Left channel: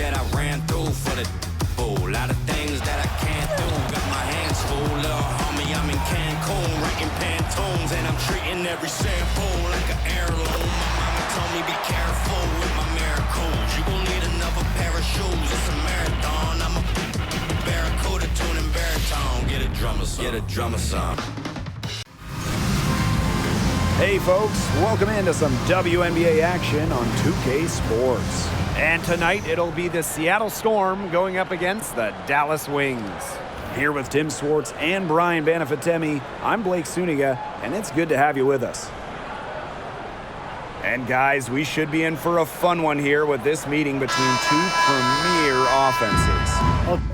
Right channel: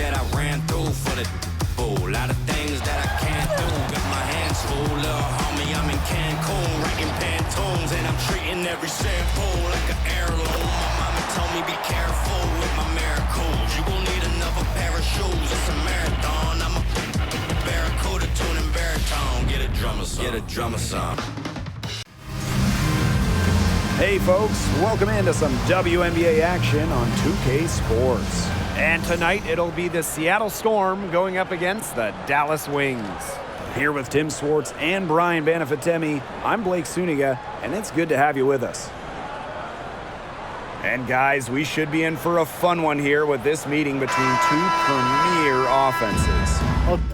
that I ran through for the fool. A lot of things that I can't do. Got my hands full, little homie. I'm in Cancun, writing Pantones, and I'm treating every sample like an heirloom. My mama told me be careful with my miracles. You gon' need another pair of shoes. It's a marathon. I'm a barracuda tuning baritone. Get a drummer song. Get a drummer song. Hey folks, welcome into some WNBA action on 2K Sports. And tonight it'll be the Seattle Storm going up against the Dallas Wings. Here with Tim Swartz and Brian Banafitemi, I'm Blake Suniga, and it's good to have you with us. And guys, we should be in for a fun one here with this meeting between two premier offenses.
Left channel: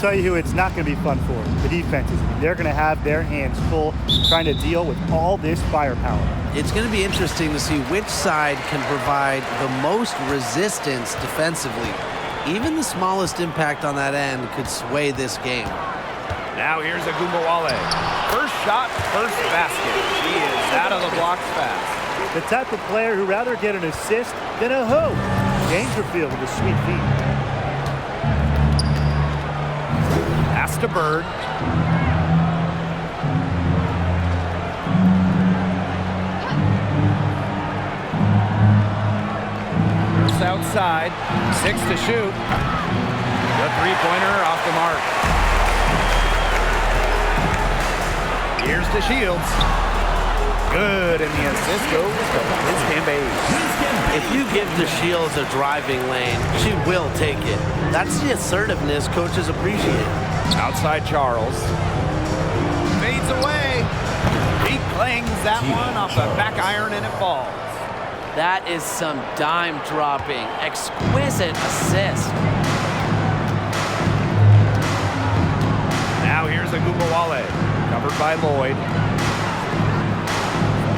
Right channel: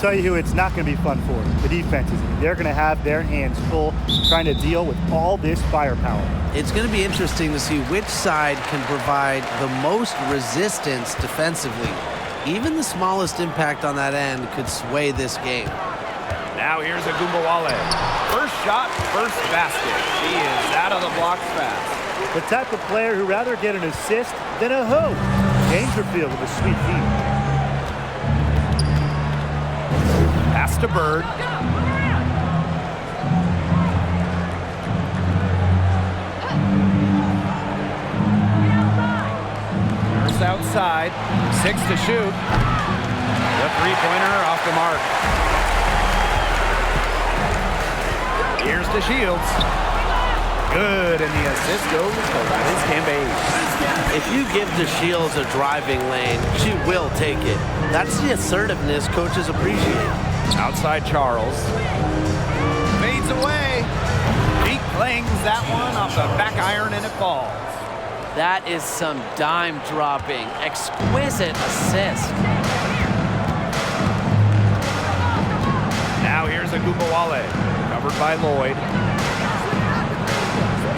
Tell you who it's not going to be fun for, the defenses. I mean, they're going to have their hands full trying to deal with all this firepower. It's going to be interesting to see which side can provide the most resistance defensively. Even the smallest impact on that end could sway this game. Now here's Agumbawale. First shot, first basket. She is out of the blocks fast. The type of player who'd rather get an assist than a hoop. Dangerfield with a sweet feet. Pass to Bird. Nurse outside. 6 to shoot. The three-pointer off the mark. Here's to Shields. Good, and the assist goes to Liz Cambage. If you give the Shields a driving lane, she will take it. That's the assertiveness coaches appreciate. Outside Charles. Fades away. He clangs that one off the back iron, and it falls. That is some dime dropping, exquisite assist. Now here's Agumbawale, covered by Lloyd.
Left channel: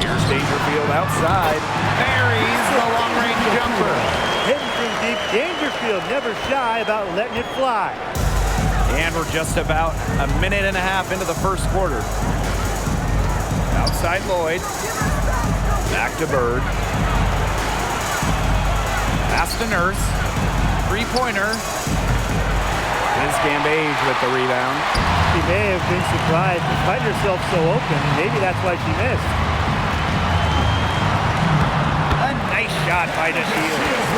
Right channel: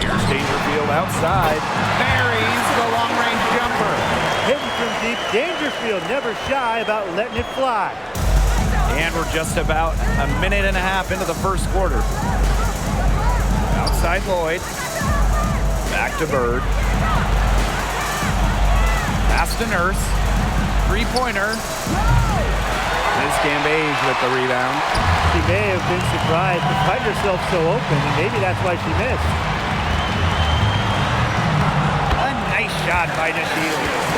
Here's Dangerfield outside. Buries the long-range jumper. Hitting from deep, Dangerfield never shy about letting it fly. And we're just about a minute and a half into the first quarter. Outside Lloyd. Back to Bird. Pass to Nurse. Three-pointer. Liz Cambage with the rebound. She may have been surprised to find herself so open, and maybe that's why she missed. A nice shot by DeShields.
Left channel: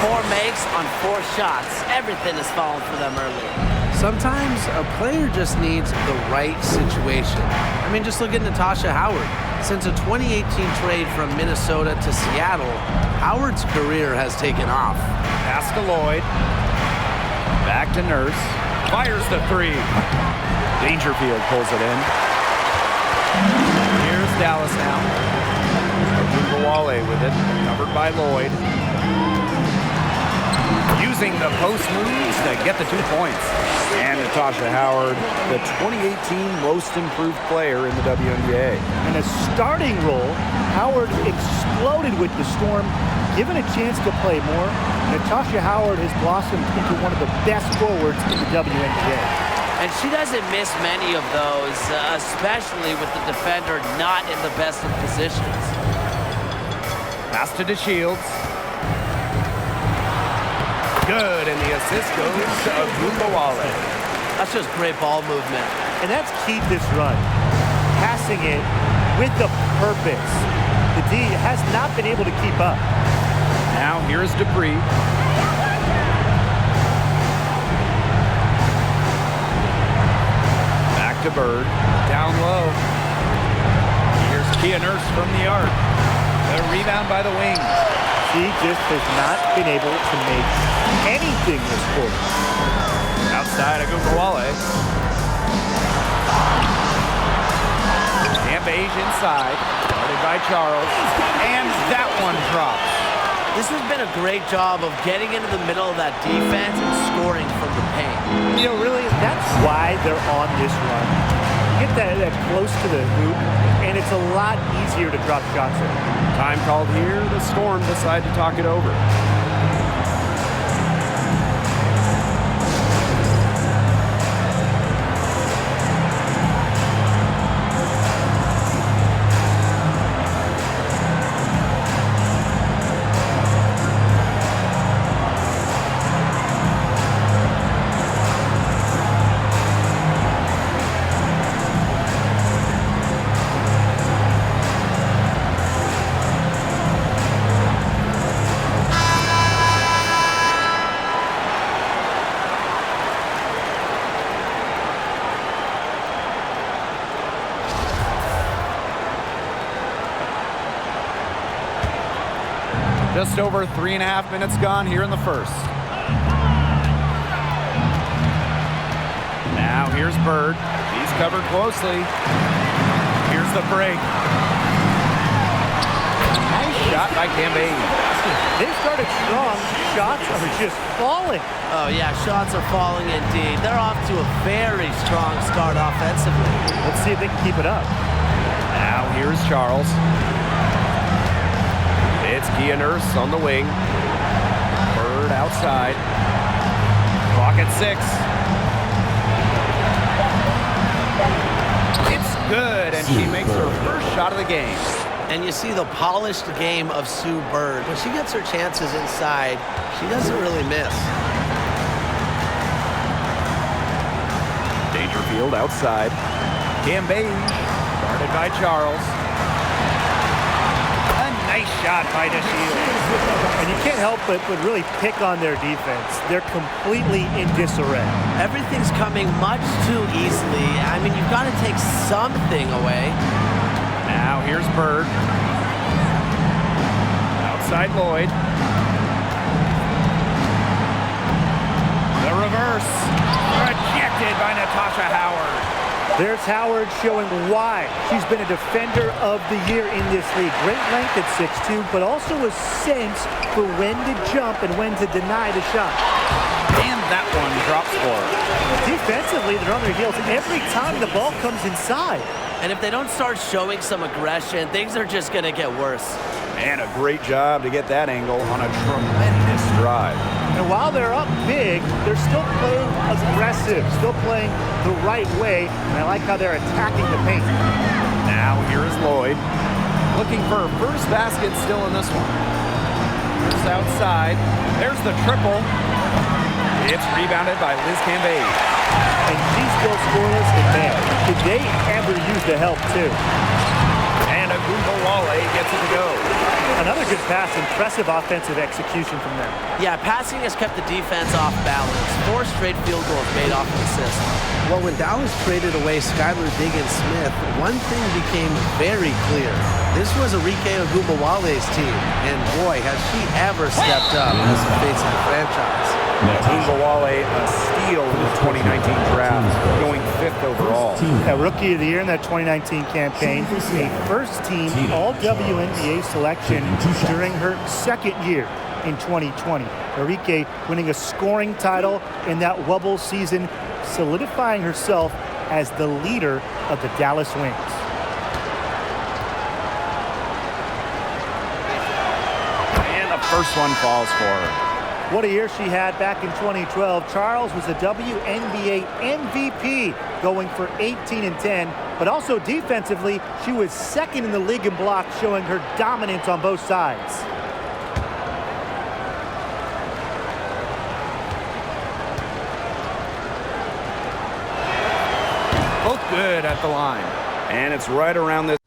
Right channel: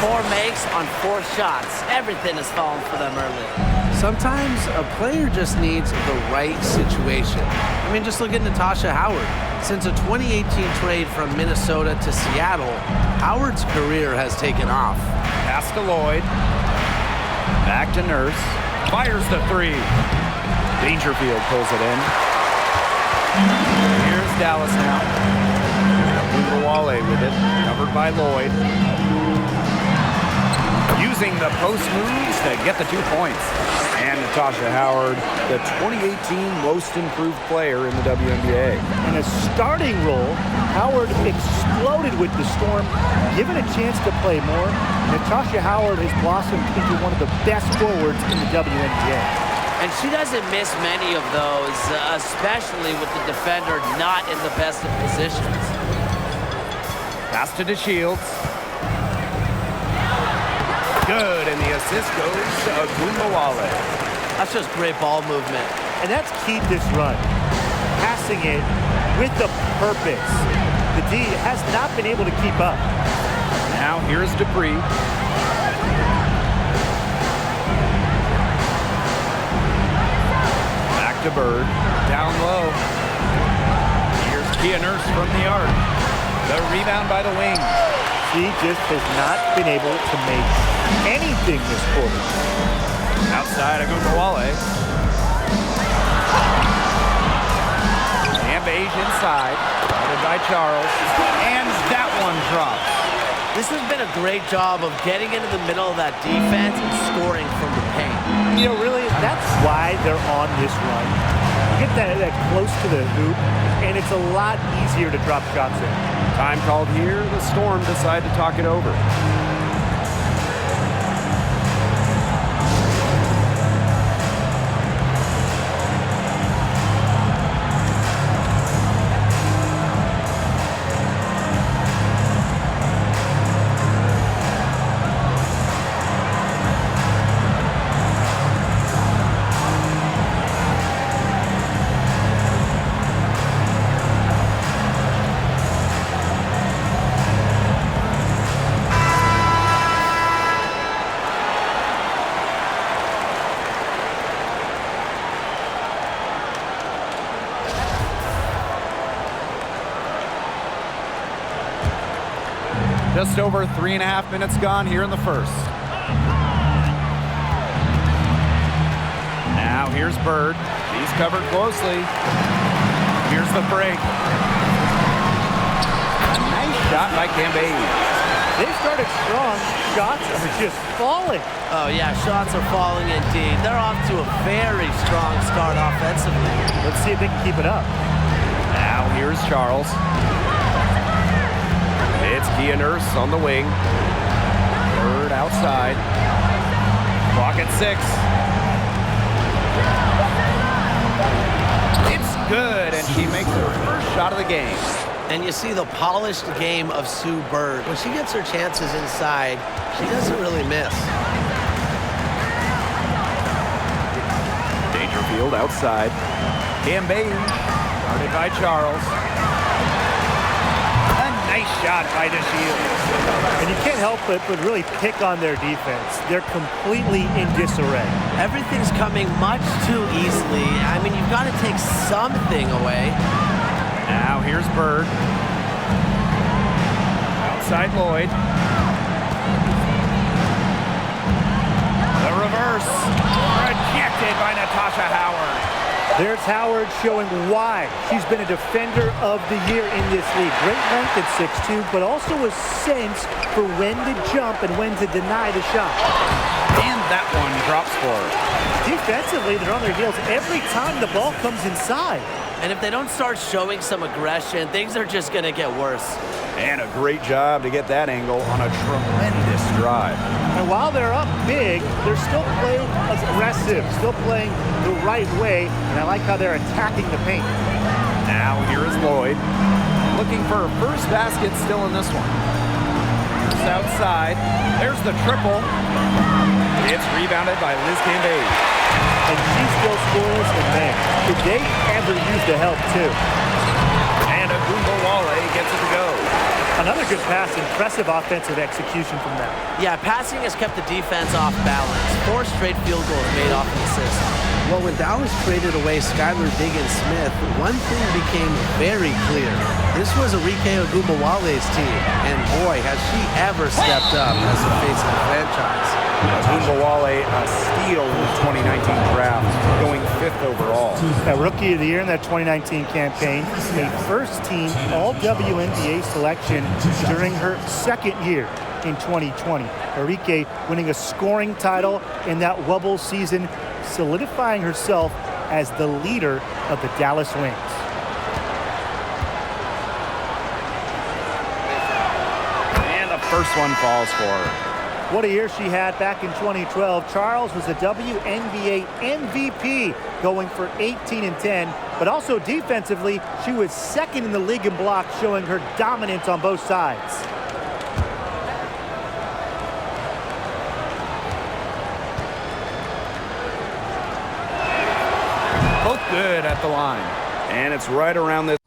4 makes on 4 shots. Everything is falling for them early. Sometimes a player just needs the right situation. I mean, just look at Natasha Howard. Since a 2018 trade from Minnesota to Seattle, Howard's career has taken off. Pass to Lloyd. Back to Nurse. Fires the three. Dangerfield pulls it in. Here's Dallas now. Agumbawale with it. Covered by Lloyd. Using the post moves to get the 2 points. And Natasha Howard, the 2018 most improved player in the WNBA. In a starting role, Howard exploded with the Storm. Given a chance to play more, Natasha Howard has blossomed into one of the best forwards in the WNBA. And she doesn't miss many of those, especially with the defender not in the best of positions. Pass to DeShields. Good, and the assist goes to Agumbawale. That's just great ball movement. And that's key to this run. Passing it with a purpose. The D has not been able to keep up. Now here's Dupree. Back to Bird. Down low. Here's Kia Nurse from the arc. The rebound by the wings. She just has not been able to make anything this quarter. Outside Agumbawale. Cambage inside. Guarded by Charles. And that one drops. This has been a great job of getting into the middle of that defense and scoring from the paint. You know, really, that's why they're on this run. You get that close to the hoop, and it's a lot easier to drop shots in. Time called here. The Storm decide to talk it over. Just over 3.5 minutes gone here in the first. Now here's Bird. She's covered closely. Here's the break. A nice shot by Cambage. They've started strong. Shots are just falling. Oh, yeah, shots are falling indeed. They're off to a very strong start offensively. Let's see if they can keep it up. Now here's Charles. It's Kia Nurse on the wing. Bird outside. Clock at 6. It's good, and she makes her first shot of the game. And you see the polished game of Sue Bird. When she gets her chances inside, she doesn't really miss. Dangerfield outside. Cambage, guarded by Charles. A nice shot by DeShields. And you can't help but really pick on their defense. They're completely in disarray. Everything's coming much too easily. I mean, you've got to take something away. Now here's Bird. Outside Lloyd. The reverse. Rejected by Natasha Howard. There's Howard showing why she's been a defender of the year in this league. Great length at 6'2", but also a sense for when to jump and when to deny the shot. And that one drops for her. Defensively, they're on their heels every time the ball comes inside. And if they don't start showing some aggression, things are just going to get worse. And a great job to get that angle on a tremendous drive. And while they're up big, they're still playing aggressive, still playing the right way, and I like how they're attacking the paint. Now here is Lloyd, looking for her first basket still in this one. Here's outside. There's the triple. It's rebounded by Liz Cambage. And she's still scoreless, and man, could they ever use the help too? And Agumbawale gets it to go. Another good pass, impressive offensive execution from them. Yeah, passing has kept the defense off balance. 4 straight field goals made off an assist. Well, when Dallas traded away Skylar Diggins-Smith, one thing became very clear. This was Arike Ogunbowale's team, and boy, has she ever stepped up as the face of the franchise. Agumbawale, a steal in the 2019 draft, going 5th overall. A Rookie of the Year in that 2019 campaign, a first-team All-WNBA selection during her second year in 2020. Arike winning a scoring title in that Wubble season, solidifying herself as the leader of the Dallas Wings. And the first one falls for her. What a year she had back in 2012. Charles was a WNBA MVP, going for 18 and 10, but also defensively, she was second in the league in blocks, showing her dominance on both sides. Both good at the line. And it's right around this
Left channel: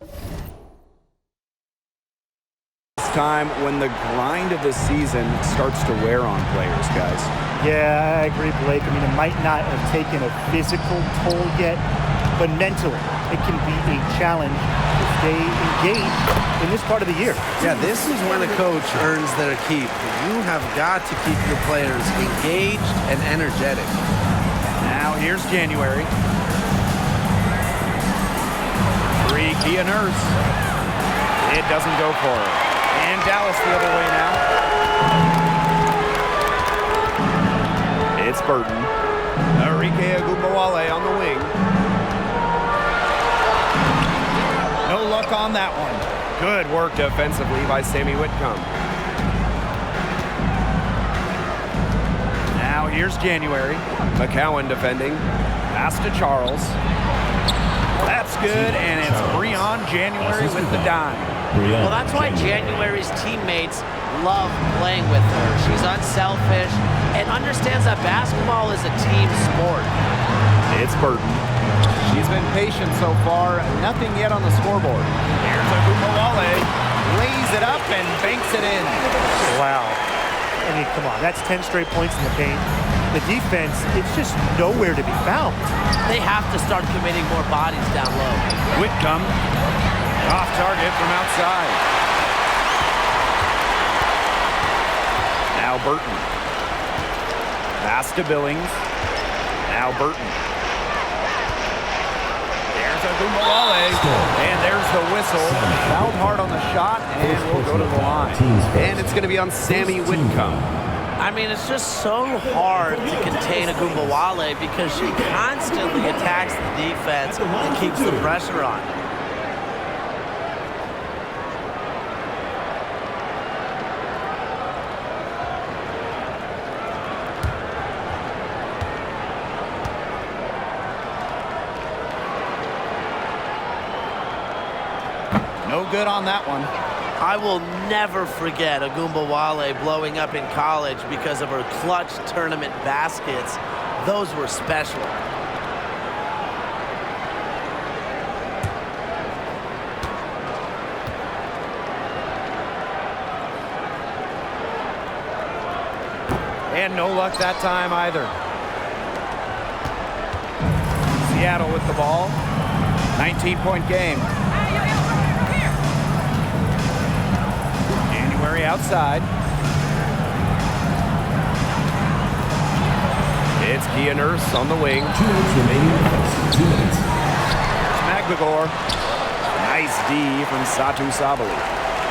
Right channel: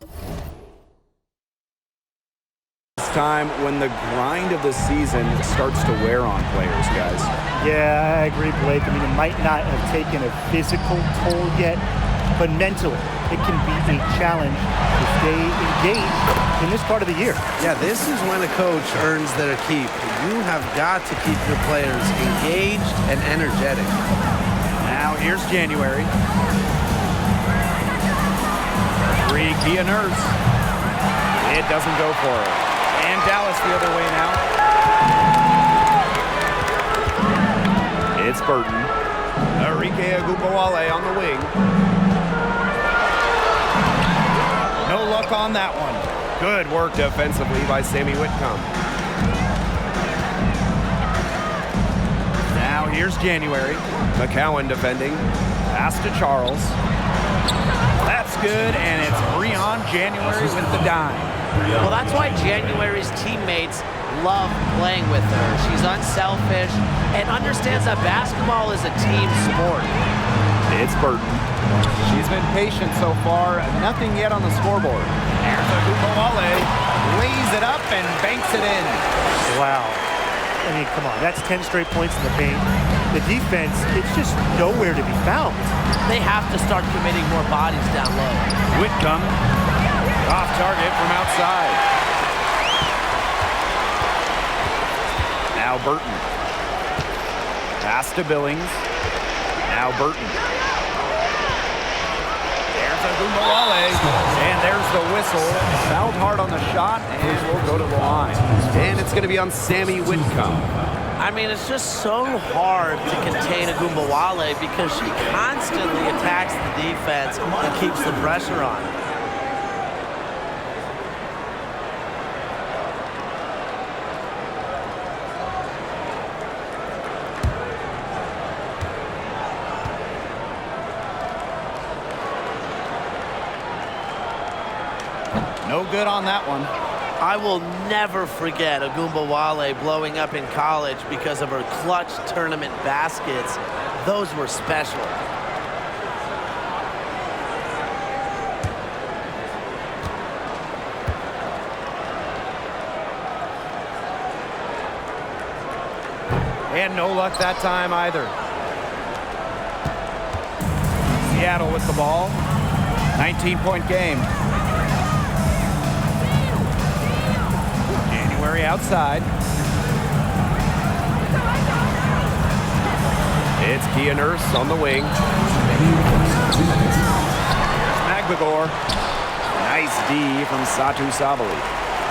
time when the grind of the season starts to wear on players, guys. Yeah, I agree, Blake. I mean, it might not have taken a physical toll yet, but mentally, it can be a challenge to stay engaged in this part of the year. Yeah, this is when a coach earns their keep. You have got to keep your players engaged and energetic. Now here's January. 3, Kia Nurse. It doesn't go for her. And Dallas the other way now. It's Burton. Arike Ogunbowale on the wing. No luck on that one. Good work defensively by Sammy Whitcomb. Now here's January. McCowan defending. Pass to Charles. That's good, and it's Breon January with the dime. Well, that's why January's teammates love playing with her. She's unselfish and understands that basketball is a team sport. It's Burton. She's been patient so far. Nothing yet on the scoreboard. Here's Ogunbowale. Lays it up and banks it in. Wow. I mean, come on. That's 10 straight points in the paint. The defense, it's just nowhere to be found. They have to start committing more bodies down low. Whitcomb. Off target from outside. Now Burton. Pass to Billings. Now Burton. There's Agumbawale, and there's the whistle. Fouled hard on the shot, and we'll go to the line. And it's going to be on Sammy Whitcomb. I mean, it's just so hard to contain Agumbawale because she constantly attacks the defense and keeps the pressure on. No good on that one. I will never forget Agumbawale blowing up in college because of her clutch tournament baskets. Those were special. And no luck that time either. Seattle with the ball. 19-point game. January outside. It's Kia Nurse on the wing. 2 minutes remaining. 2 minutes. Here's Magbagor. Nice D from Satu Sabali.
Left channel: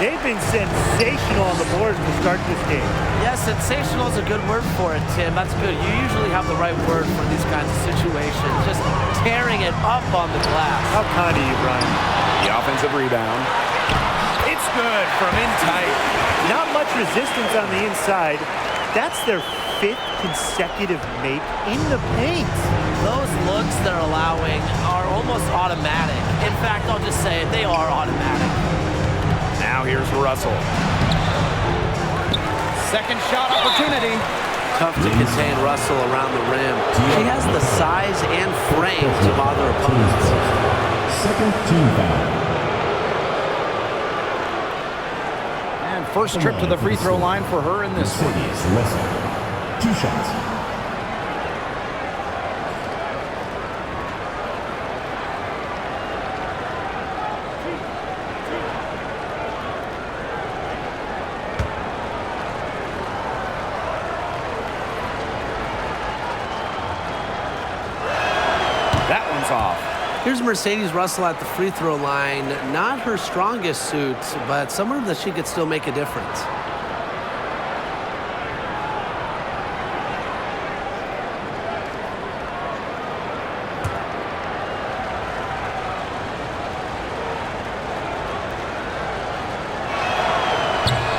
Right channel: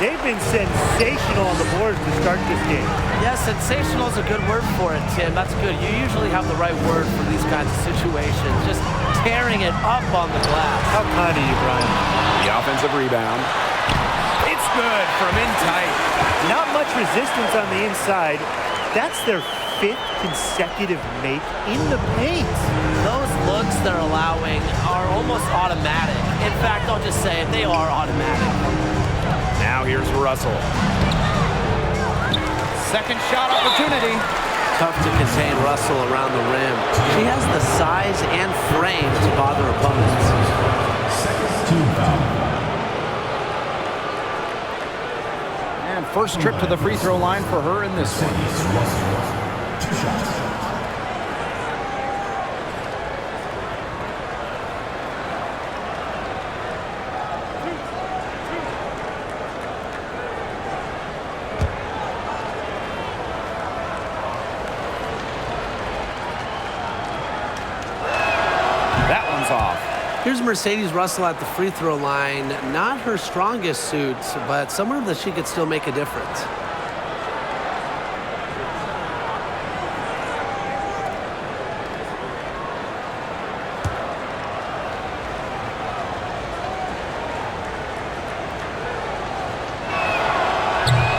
They've been sensational on the boards to start this game. Yeah, sensational is a good word for it, Tim. That's good. You usually have the right word for these kinds of situations. Just tearing it up on the glass. How kind of you, Brian. The offensive rebound. It's good from in tight. Not much resistance on the inside. That's their 5th consecutive make in the paint. Those looks they're allowing are almost automatic. In fact, I'll just say it, they are automatic. Now here's Russell. Second shot opportunity. Tough to contain Russell around the rim. She has the size and frame to bother opponents. Second team foul. And first trip to the free throw line for her in this one. Mercedes Russell. 2 shots. That one's off. Here's Mercedes Russell at the free throw line. Not her strongest suit, but somewhere that she could still make a difference.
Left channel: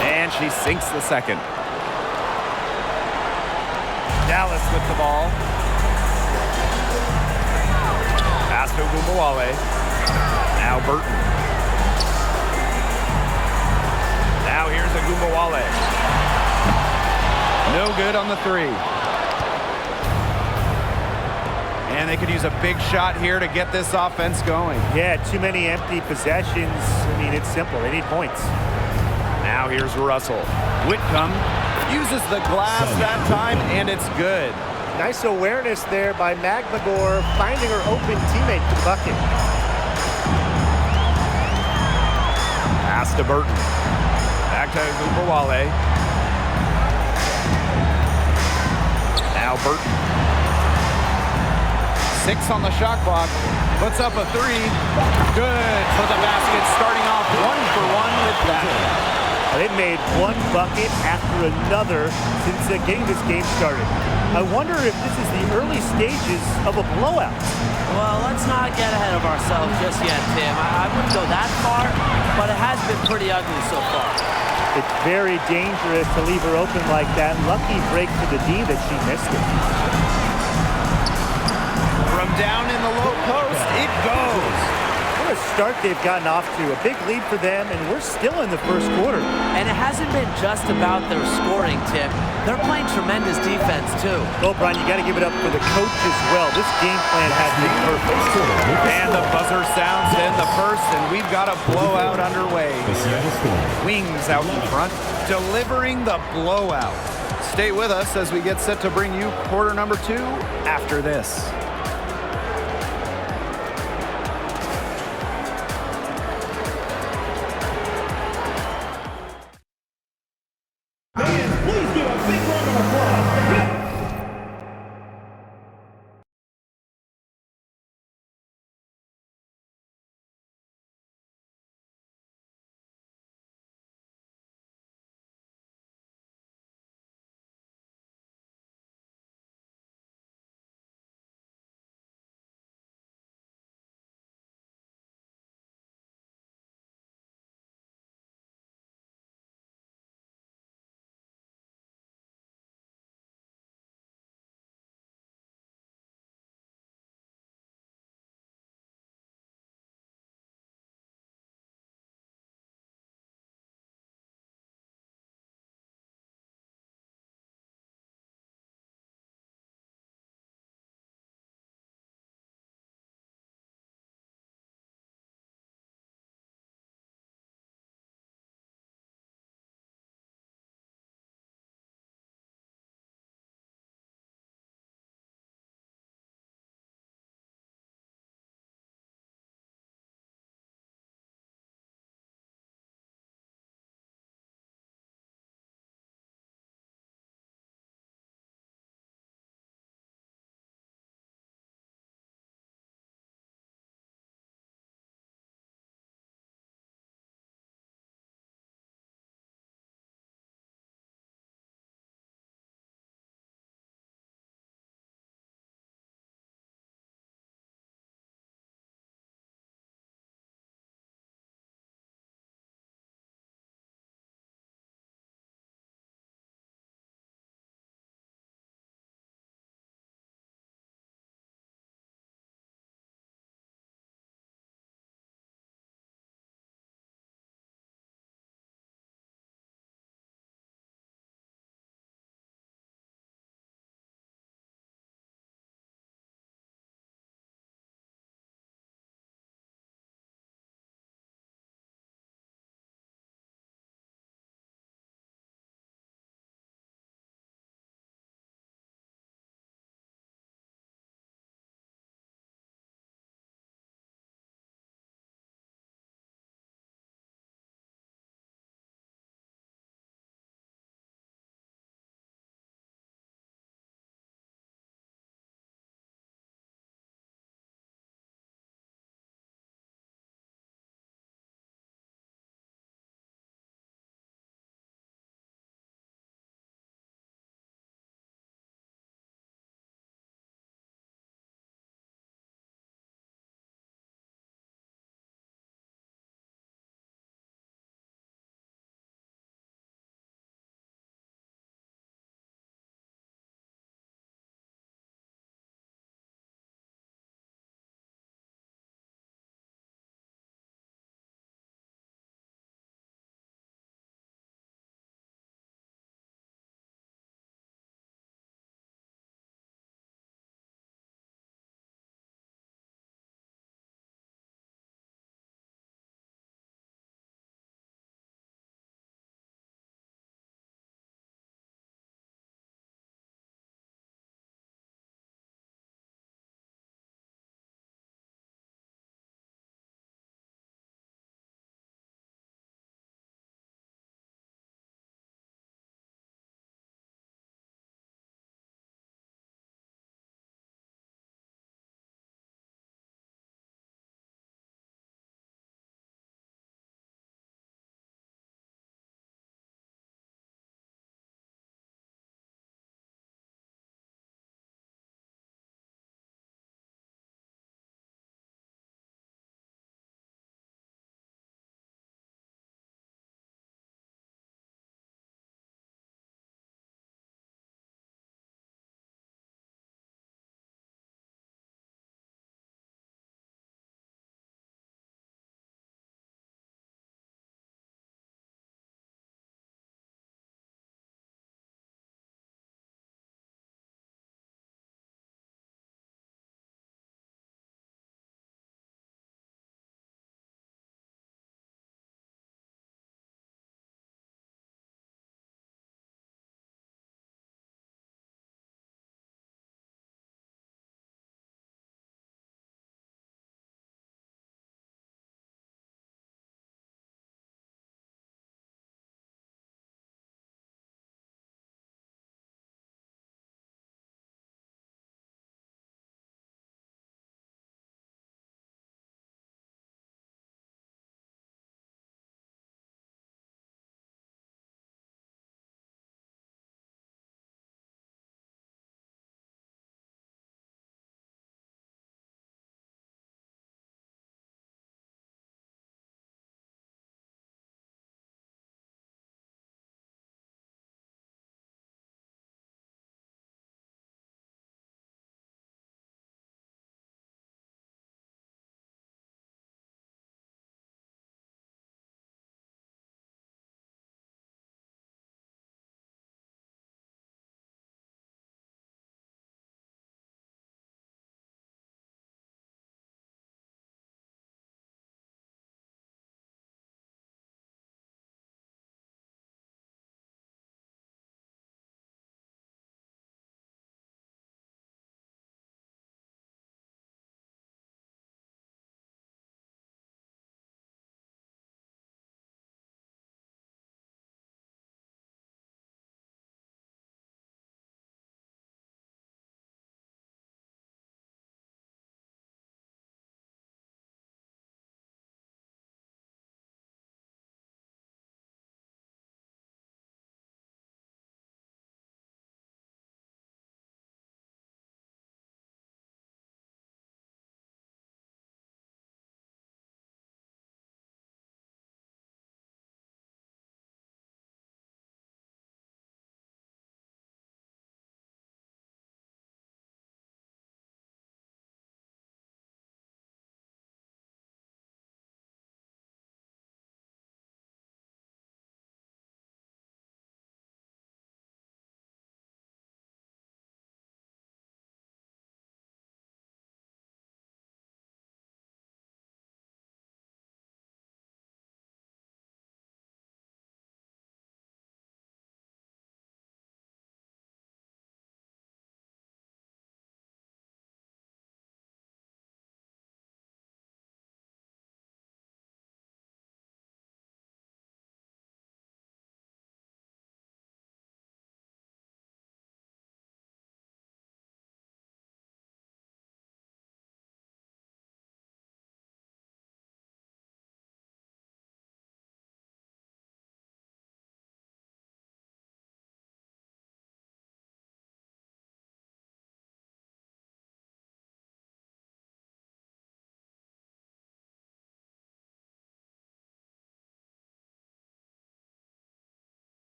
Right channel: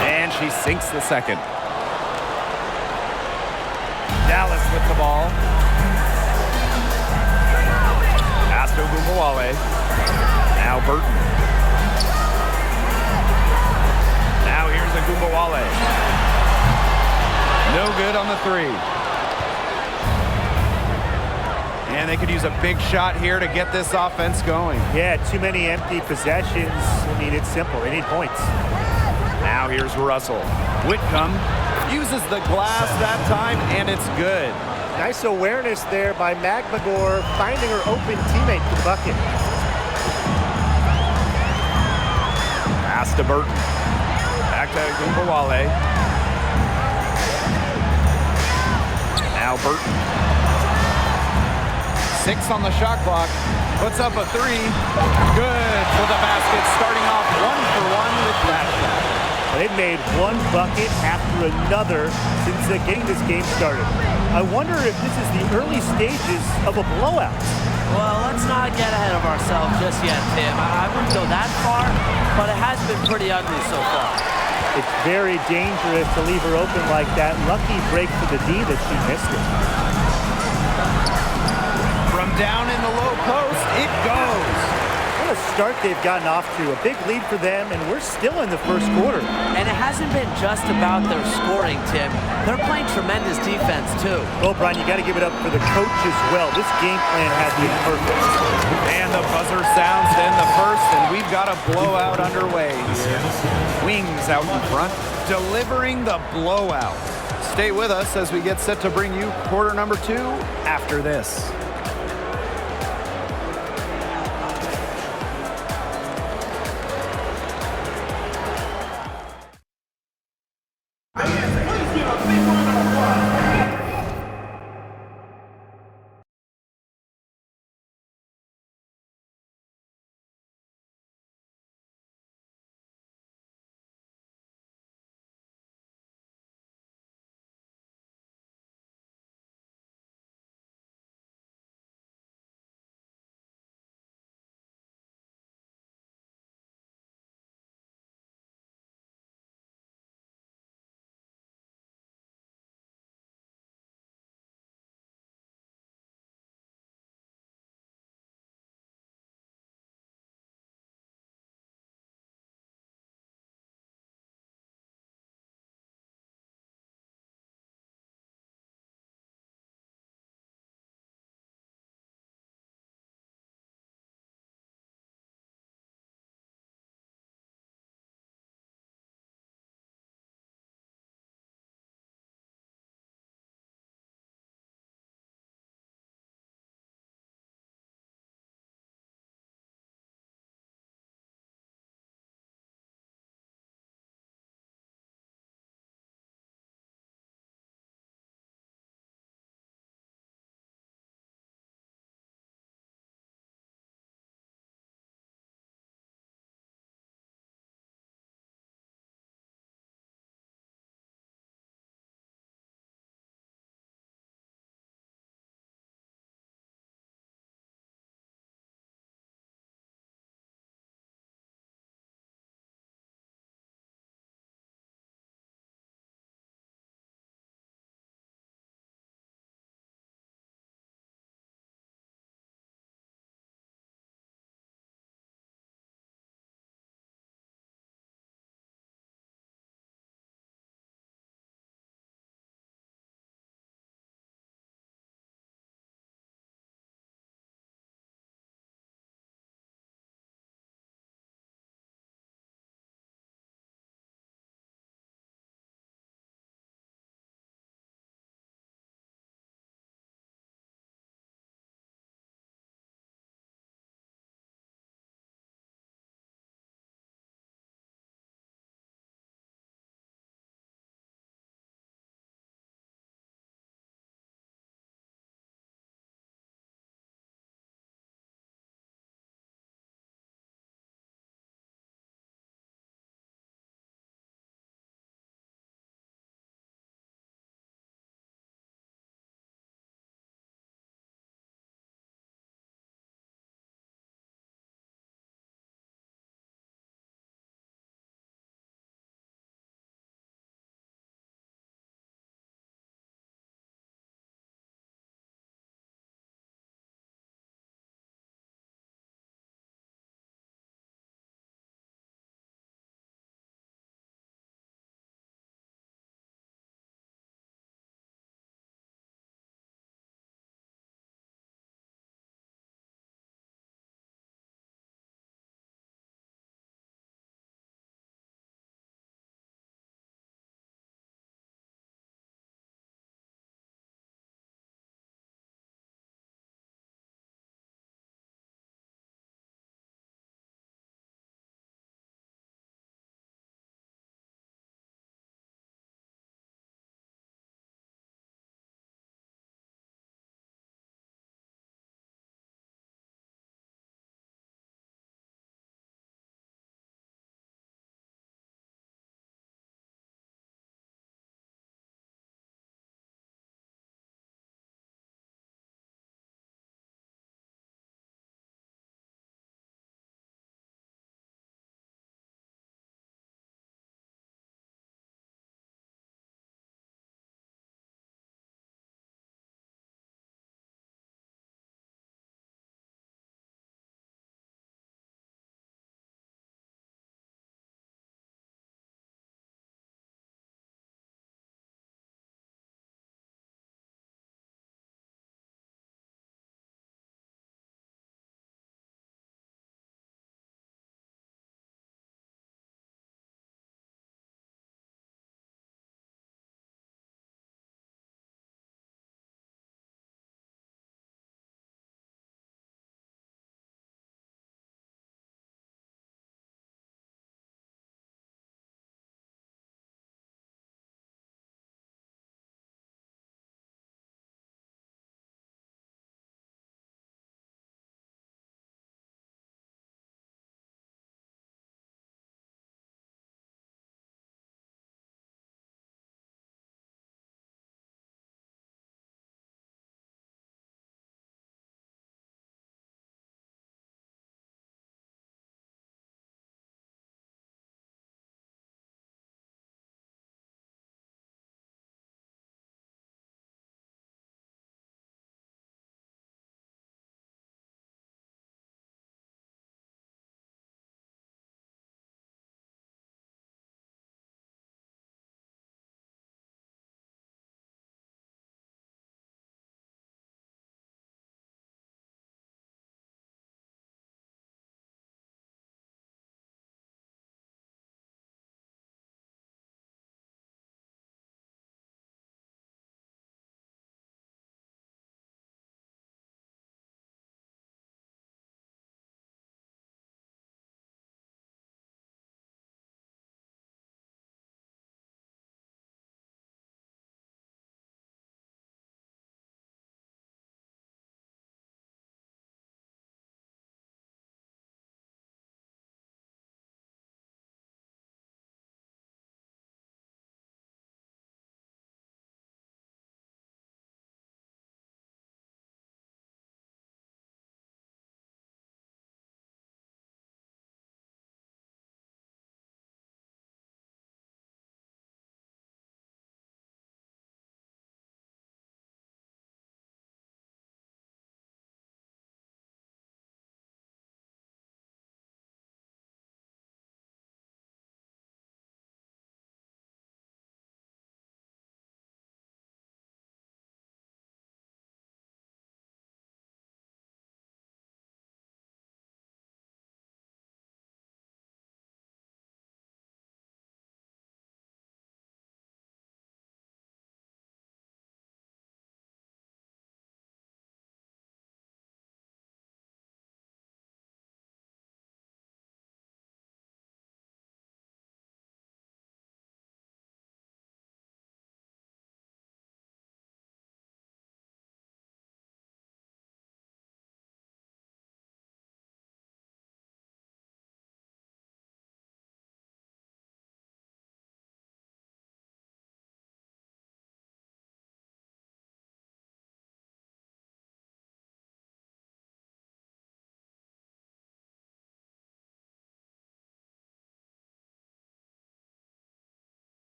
And she sinks the second. Dallas with the ball. Pass to Agumbawale. Now Burton. Now here's Agumbawale. No good on the 3. And they could use a big shot here to get this offense going. Yeah, too many empty possessions. I mean, it's simple. They need points. Now here's Russell. Whitcomb uses the glass that time, and it's good. Nice awareness there by Magbagor, finding her open teammate to the bucket. Pass to Burton. Back to Agumbawale. Now Burton. 6 on the shot clock. Puts up a 3. Good for the basket, starting off 1 for 1 with that shot. They've made one bucket after another since getting this game started. I wonder if this is the early stages of a blowout. Well, let's not get ahead of ourselves just yet, Tim. I wouldn't go that far, but it has been pretty ugly so far. It's very dangerous to leave her open like that. Lucky break for the D that she missed it. From down in the low post, it goes. What a start they've gotten off to. A big lead for them, and we're still in the first quarter. And it hasn't been just about their scoring, Tim. They're playing tremendous defense, too. Well, Brian, you got to give it up for the coach as well. This game plan has been perfect. And the buzzer sounds to end the first, and we've got a blowout underway here. Wings out in front, delivering the blowout. Stay with us as we get set to bring you quarter number 2 after this.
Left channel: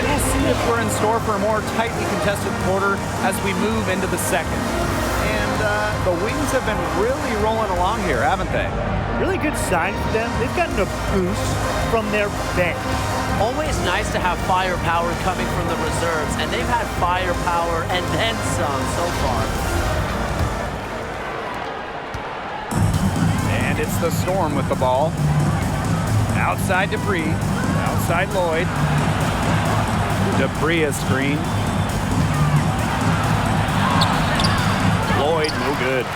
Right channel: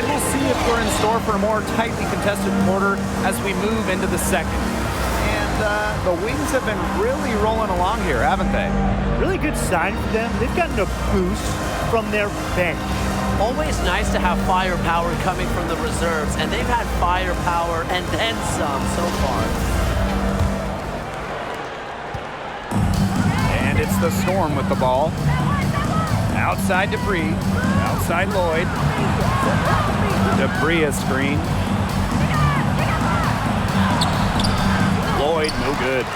And we'll see if we're in store for a more tightly contested quarter as we move into the second. And the Wings have been really rolling along here, haven't they? Really good sign for them. They've gotten a boost from their bench. Always nice to have firepower coming from the reserves, and they've had firepower and then some so far. And it's the Storm with the ball. Outside Dupree. Outside Lloyd. Dupree a screen. Lloyd, no good.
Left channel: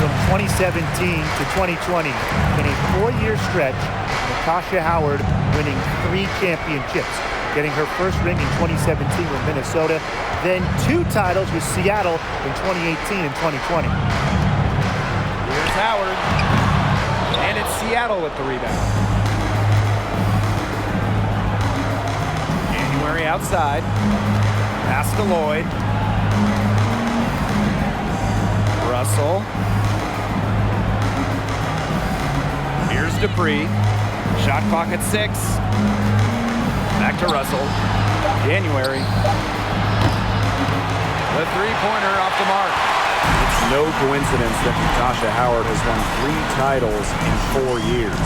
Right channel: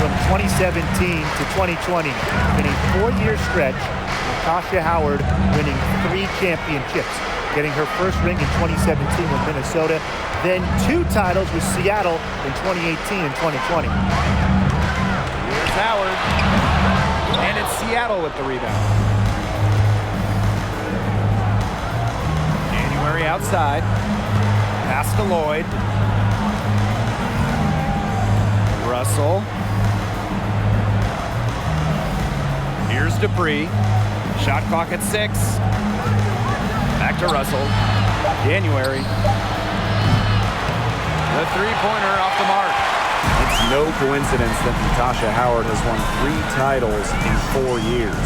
From 2017 to 2020, in a 4-year stretch, Natasha Howard winning 3 championships, getting her first ring in 2017 with Minnesota, then 2 titles with Seattle in 2018 and 2020. Here's Howard. And it's Seattle with the rebound. January outside. Pass to Lloyd. Russell. Here's Dupree. Shot clock at 6. Back to Russell. January. The three-pointer off the mark. It's no coincidence that Natasha Howard has won 3 titles in 4 years.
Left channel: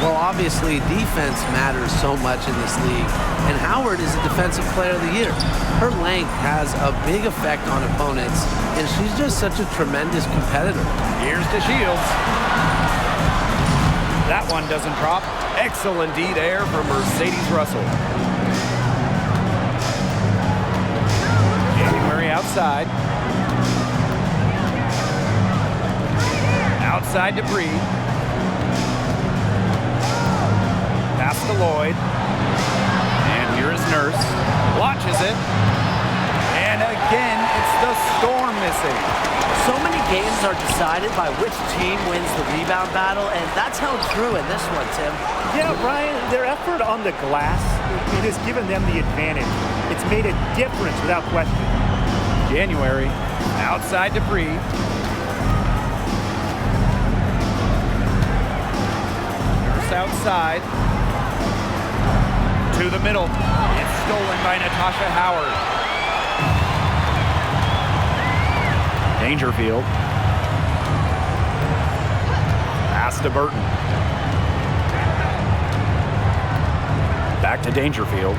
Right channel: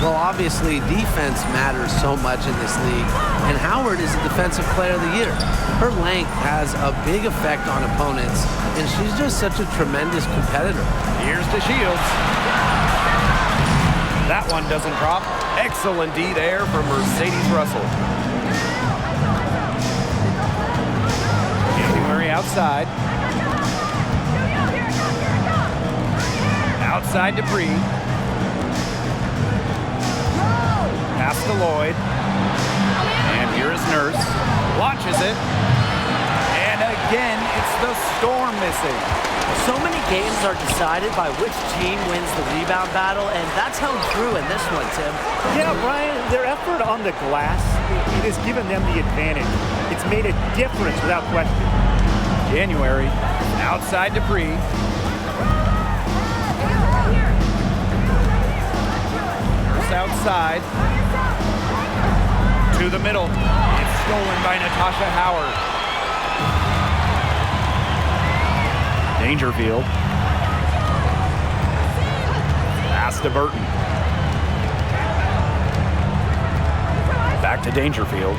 Well, obviously, defense matters so much in this league, and Howard is a Defensive Player of the Year. Her length has a big effect on opponents, and she's just such a tremendous competitor. Here's to Shields. That one doesn't drop. Excellent D there from Mercedes Russell. January outside. Outside Dupree. Pass to Lloyd. And here is Nurse. Launches it. And again, it's the Storm missing. So many games are decided by which team wins the rebound battle, and that's held true in this one, Tim. Yeah, Brian, their effort on the glass, it has given them the advantage. It's made a difference without question. January, outside Dupree. Nurse outside. To the middle. It's stolen by Natasha Howard. Dangerfield. Pass to Burton. Back to Dangerfield.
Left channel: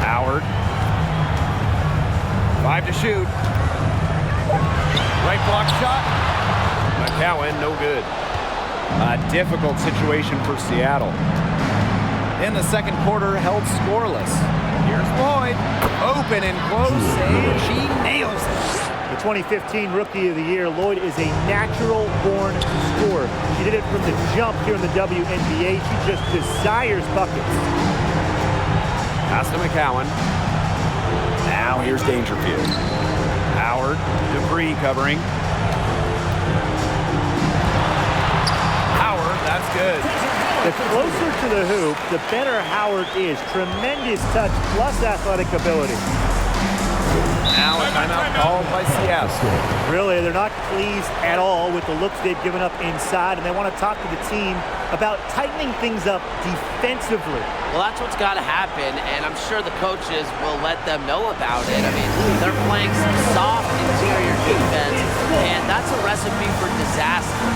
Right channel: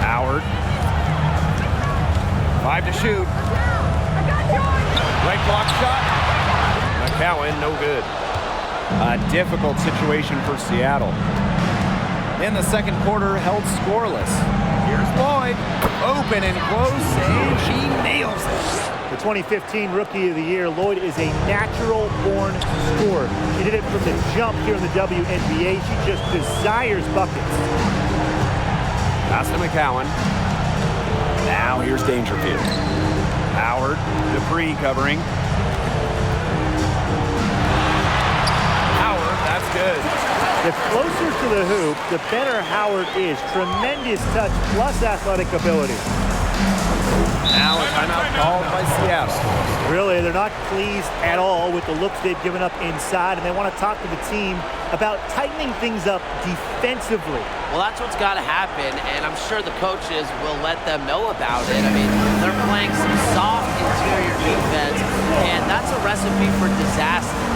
Howard. 5 to shoot. Right block shot. McCowan, no good. A difficult situation for Seattle. In the second quarter, held scoreless. Here's Lloyd. Open and close, and she nails it. The 2015 Rookie of the Year, Lloyd is a natural-born scorer. She did it from the jump here in the WNBA. She just desires buckets. Pass to McCowan. Now here's Dangerfield. Howard, Dupree covering. Howard, that's good. The closer to the hoop, the better Howard is. Tremendous touch plus athletic ability. Now a timeout called by Seattle. Really, they're not pleased at all with the looks they've given up inside, and they want to talk to the team about tightening things up defensively. Well, that's what's got to happen, and I'm sure the coaches will let them know about it. I mean, they're playing some soft interior defense, and that's a recipe for disaster.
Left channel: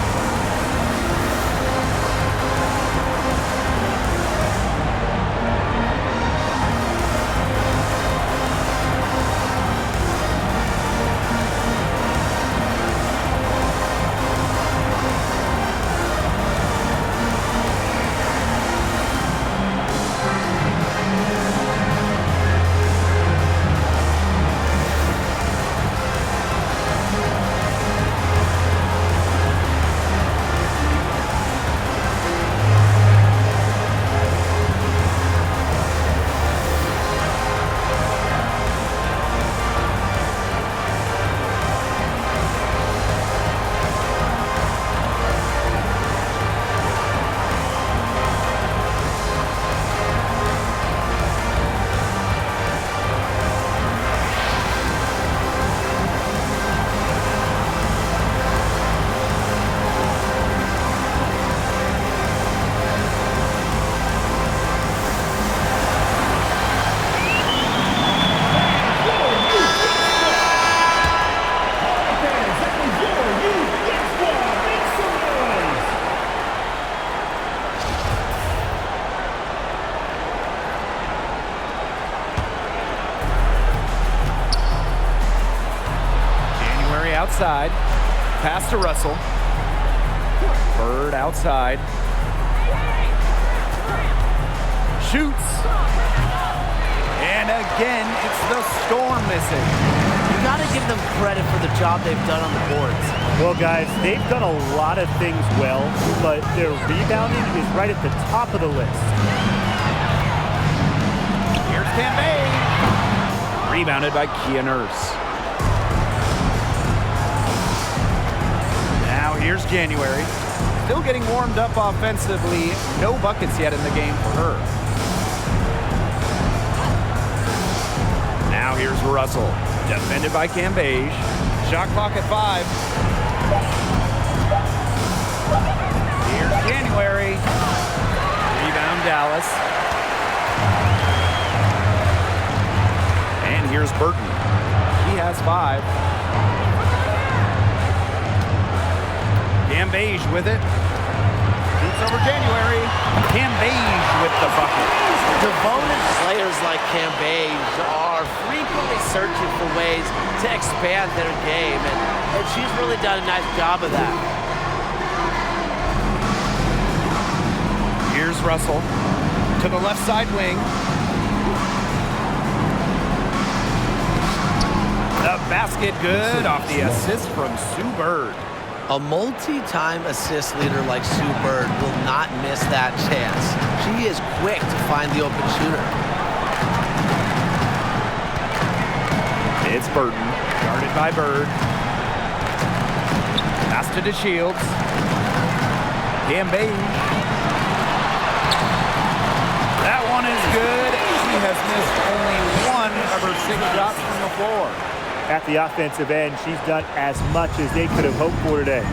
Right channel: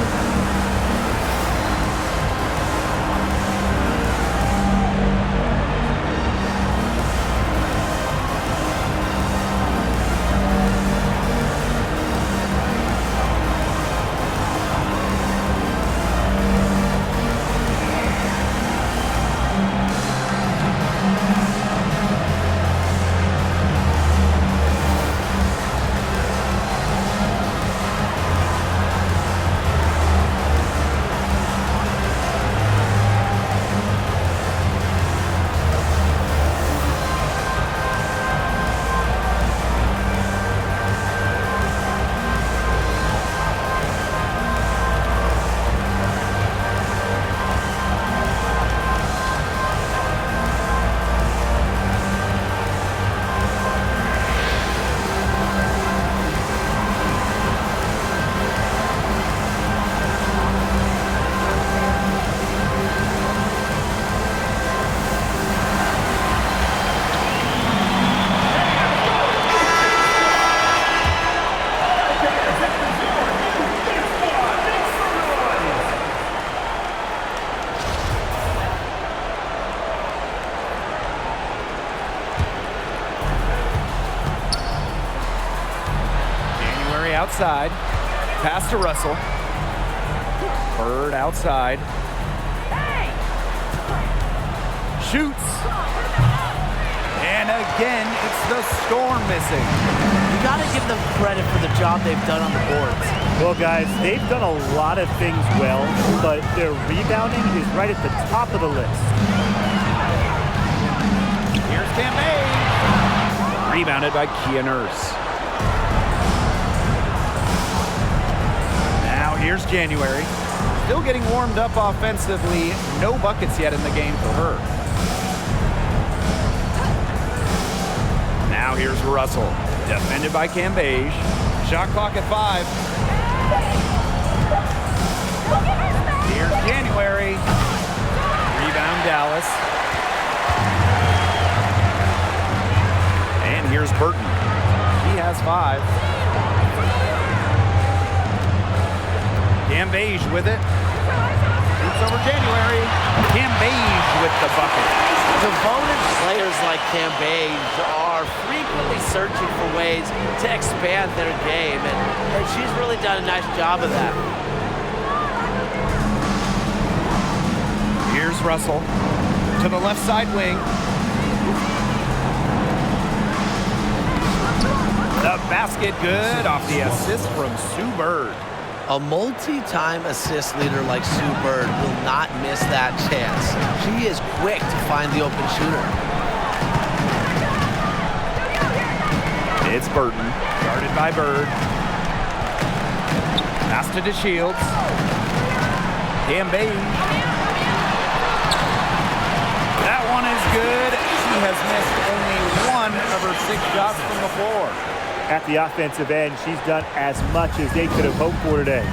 outside. Pass to Russell. Bird outside. Shoots. And again, it's the Storm missing. You got to give them credit for the job they've done on the boards. Well, guys, they've done a lot of things well, but their rebounding is right at the top of the list. Here's Cambage. Rebounded by Kia Nurse. Now here's January. Still getting warmed up offensively. No buckets yet in the game for her. Now here's Russell. Defended by Cambage. Shot clock at 5. Here's January. Rebound Dallas. And here's Burton. She has 5. Cambage with it. Shoots over January. Cambage with the bucket. Devoted players like Cambage are frequently searching for ways to expand their game, and she's really done a nice job of that. Here's Russell to the left side wing. The basket good off the assist from Sue Bird. A multi-time assist leader like Sue Bird will not miss that chance. She is quick to find the open shooter. It's Burton, guarded by Bird. Pass to DeShields. Cambage. That one is good. She has missed only 1 of her 6 shots from the floor. At the offensive end, she's done as much as they could have hoped for today.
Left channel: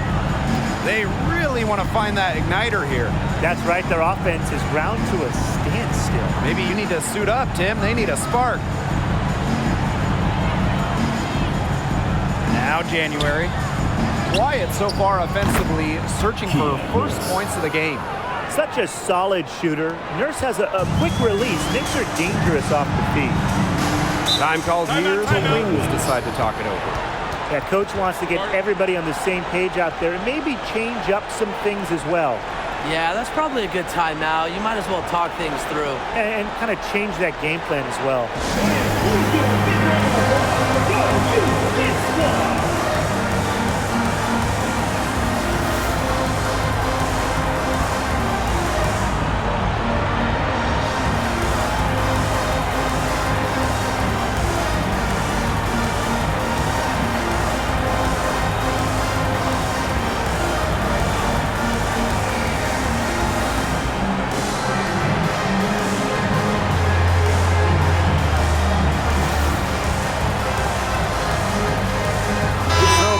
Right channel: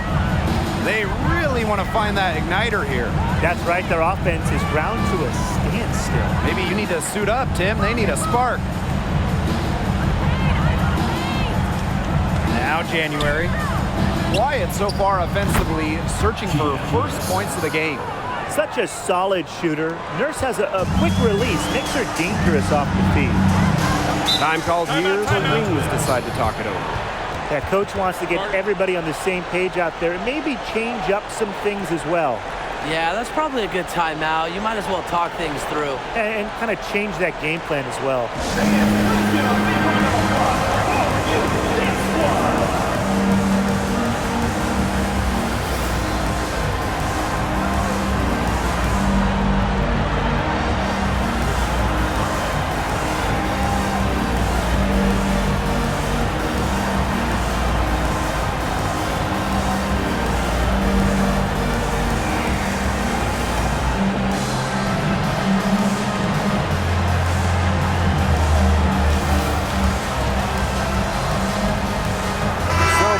They really want to find that igniter here. That's right, their offense is ground to a standstill. Maybe you need to suit up, Tim. They need a spark. Now January. Quiet so far offensively, searching for first points of the game. Such a solid shooter. Nurse has a quick release, makes her dangerous off the feed. Time called here. The Wings decide to talk it over. Yeah, coach wants to get everybody on the same page out there and maybe change up some things as well. Yeah, that's probably a good timeout. You might as well talk things through. And kind of change that game plan as well.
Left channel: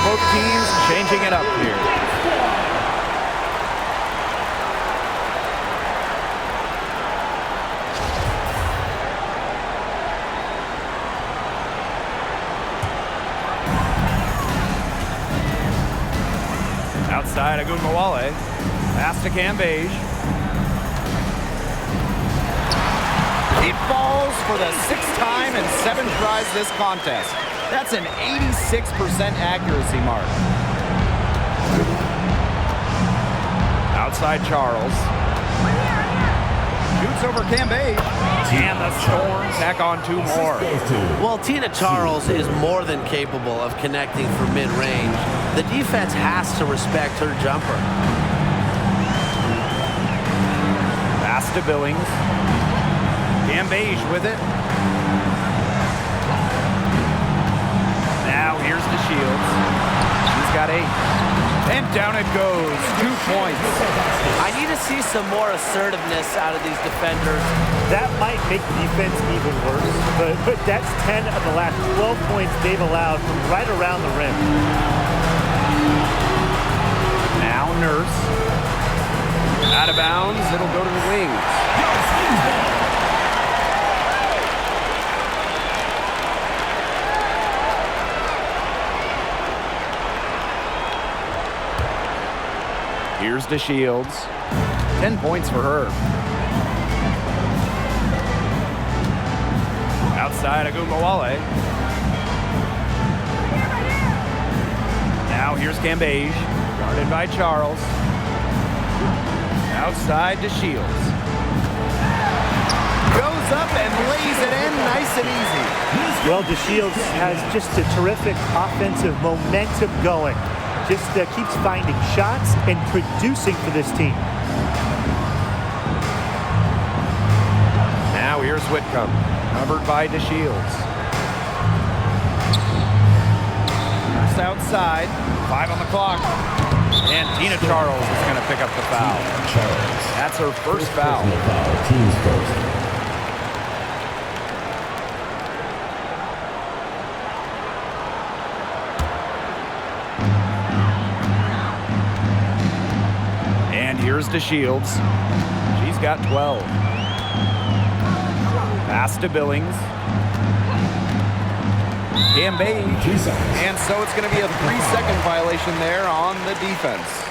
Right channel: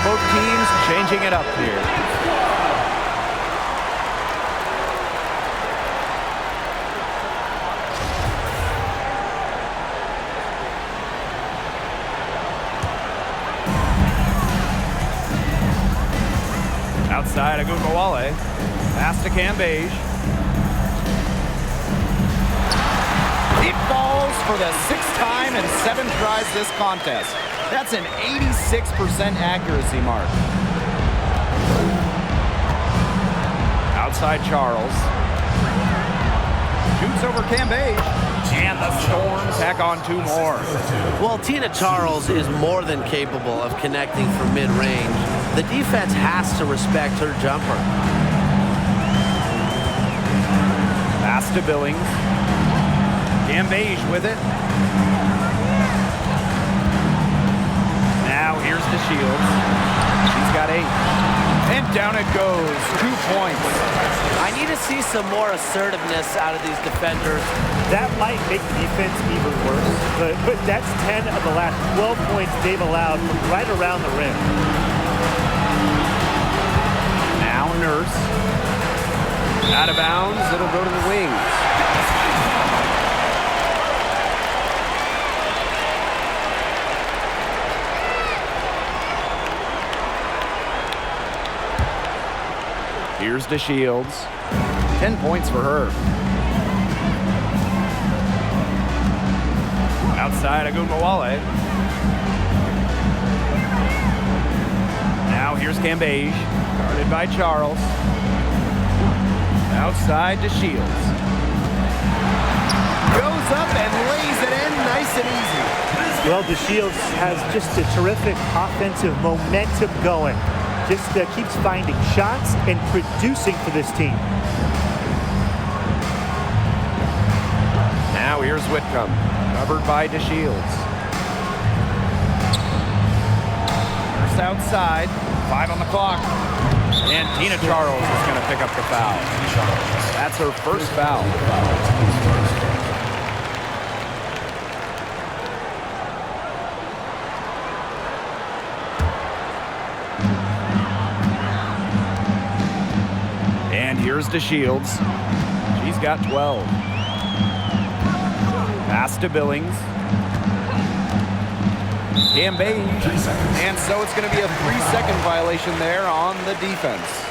Both teams changing it up here. Outside, Agunmawale. Pass to Cambage. It falls for the 6th time in 7 tries this contest. That's an 86% accuracy mark. Outside Charles. Shoots over Cambage. And the Storm tack on 2 more. Well, Tina Charles is more than capable of connecting from mid-range. The defense has to respect her jumper. Pass to Billings. Cambage with it. Now here's DeShields. She's got 8. And down it goes. 2 points. I need to see some more assertiveness out of these defenders. That might make the defense even worse, but that's 10 of the last 12 points they've allowed from right around the rim. Now Nurse. Out of bounds. It'll go to the Wings. Here's DeShields. 10 points for her. Outside, Agunmawale. Now here's Cambage, guarded by Charles. Outside to Shields. Goes up and lays it in nice and easy. Well, DeShields has just a terrific offensive momentum going. Just keeps finding shots and producing for this team. Now here's Whitcomb, covered by DeShields. First outside, 5 on the clock. And Tina Charles is going to pick up the foul. That's her first foul. Team's first. And here's DeShields. She's got 12. Pass to Billings. Cambage. 3 seconds. And so it's going to be a 3-second violation there on the defense.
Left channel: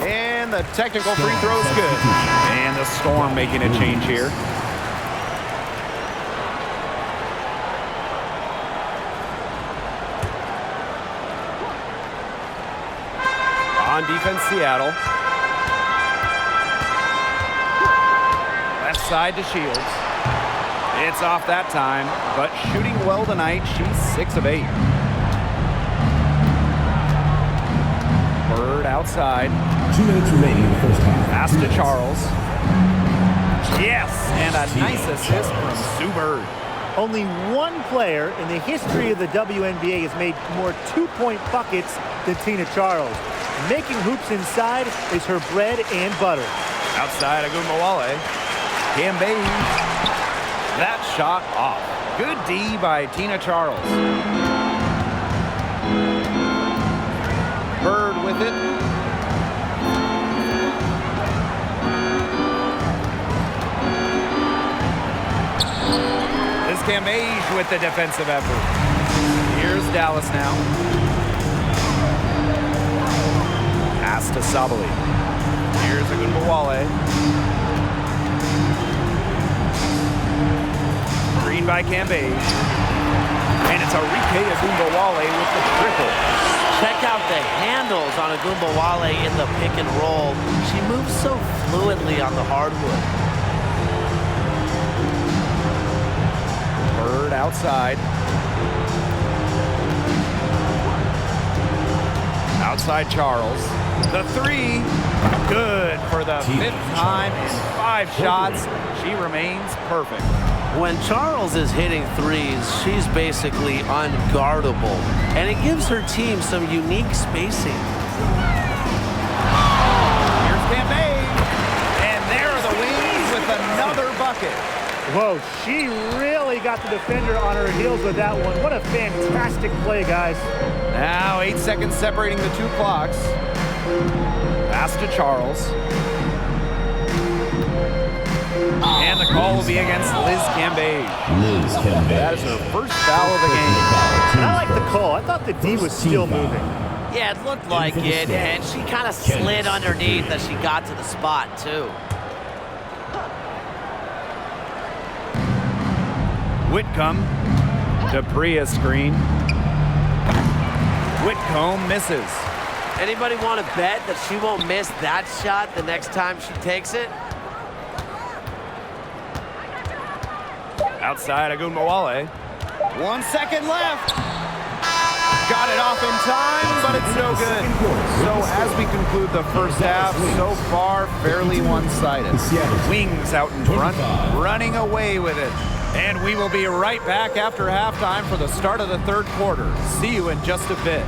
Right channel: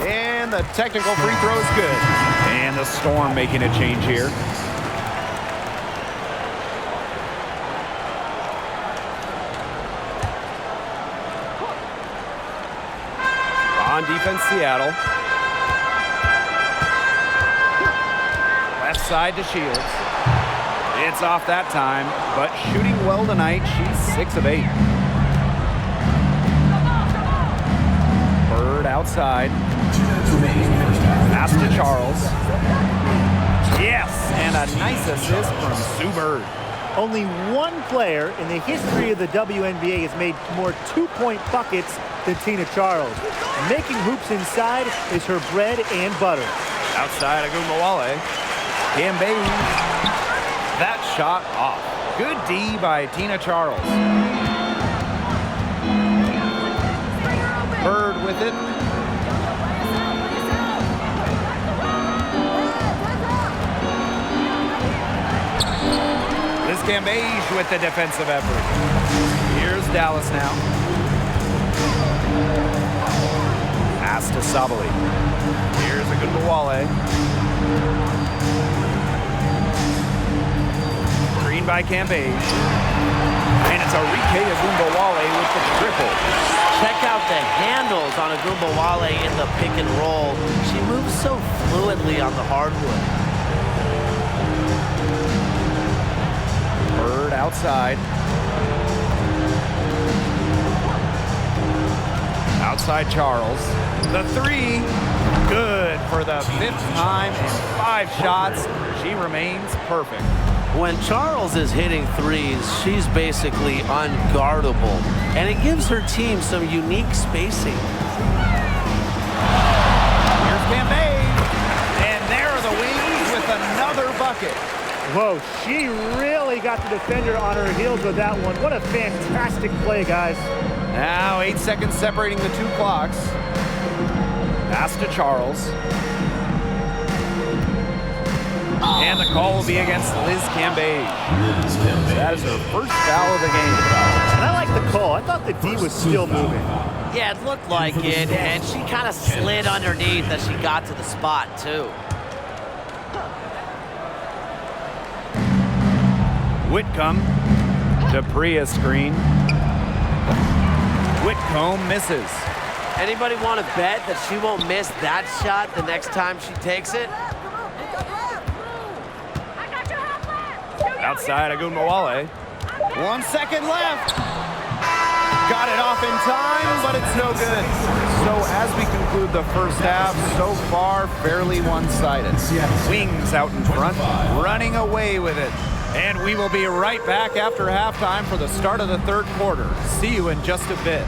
And the technical free throw is good. And the Storm making a change here. On defense, Seattle. Left side to Shields. It's off that time, but shooting well tonight. She's 6 of 8. Bird outside. 2 minutes remaining in the first half. Pass to Charles. Yes, and a nice assist from Sue Bird. Only one player in the history of the WNBA has made more two-point buckets than Tina Charles. Making hoops inside is her bread and butter. Outside Agumbawale. Cambage. That shot off. Good D by Tina Charles. Bird with it. Liz Cambage with the defensive effort. Here's Dallas now. Pass to Sabali. Here's Agumbawale. Screen by Cambage. And it's Arike Agumbawale with the triple. Check out the handles on Agumbawale in the pick and roll. She moves so fluidly on the hardwood. Bird outside. Outside Charles. The 3. Good for the 5th time in 5 shots. She remains perfect. When Charles is hitting threes, she's basically unguardable, and it gives her team some unique spacing. Here's Cambage, and there are the Wings with another bucket. Whoa, she really got the defender on her heels with that one. What a fantastic play, guys. Now 8 seconds separating the 2 clocks. Pass to Charles. And the call will be against Liz Cambage. Liz Cambage. That is her first foul of the game. And I like the call. I thought the D was still moving. Yeah, it looked like it, and she kind of slid underneath as she got to the spot, too. Whitcomb to Priya screen. Whitcomb misses. Anybody want to bet that she won't miss that shot the next time she takes it? Outside Agumbawale. 1 second left. Got it off in time, but it's no good. So as we conclude the first half, so far fairly one-sided. Wings out in front, running away with it. And we will be right back after halftime for the start of the 3rd quarter. See you in just a bit.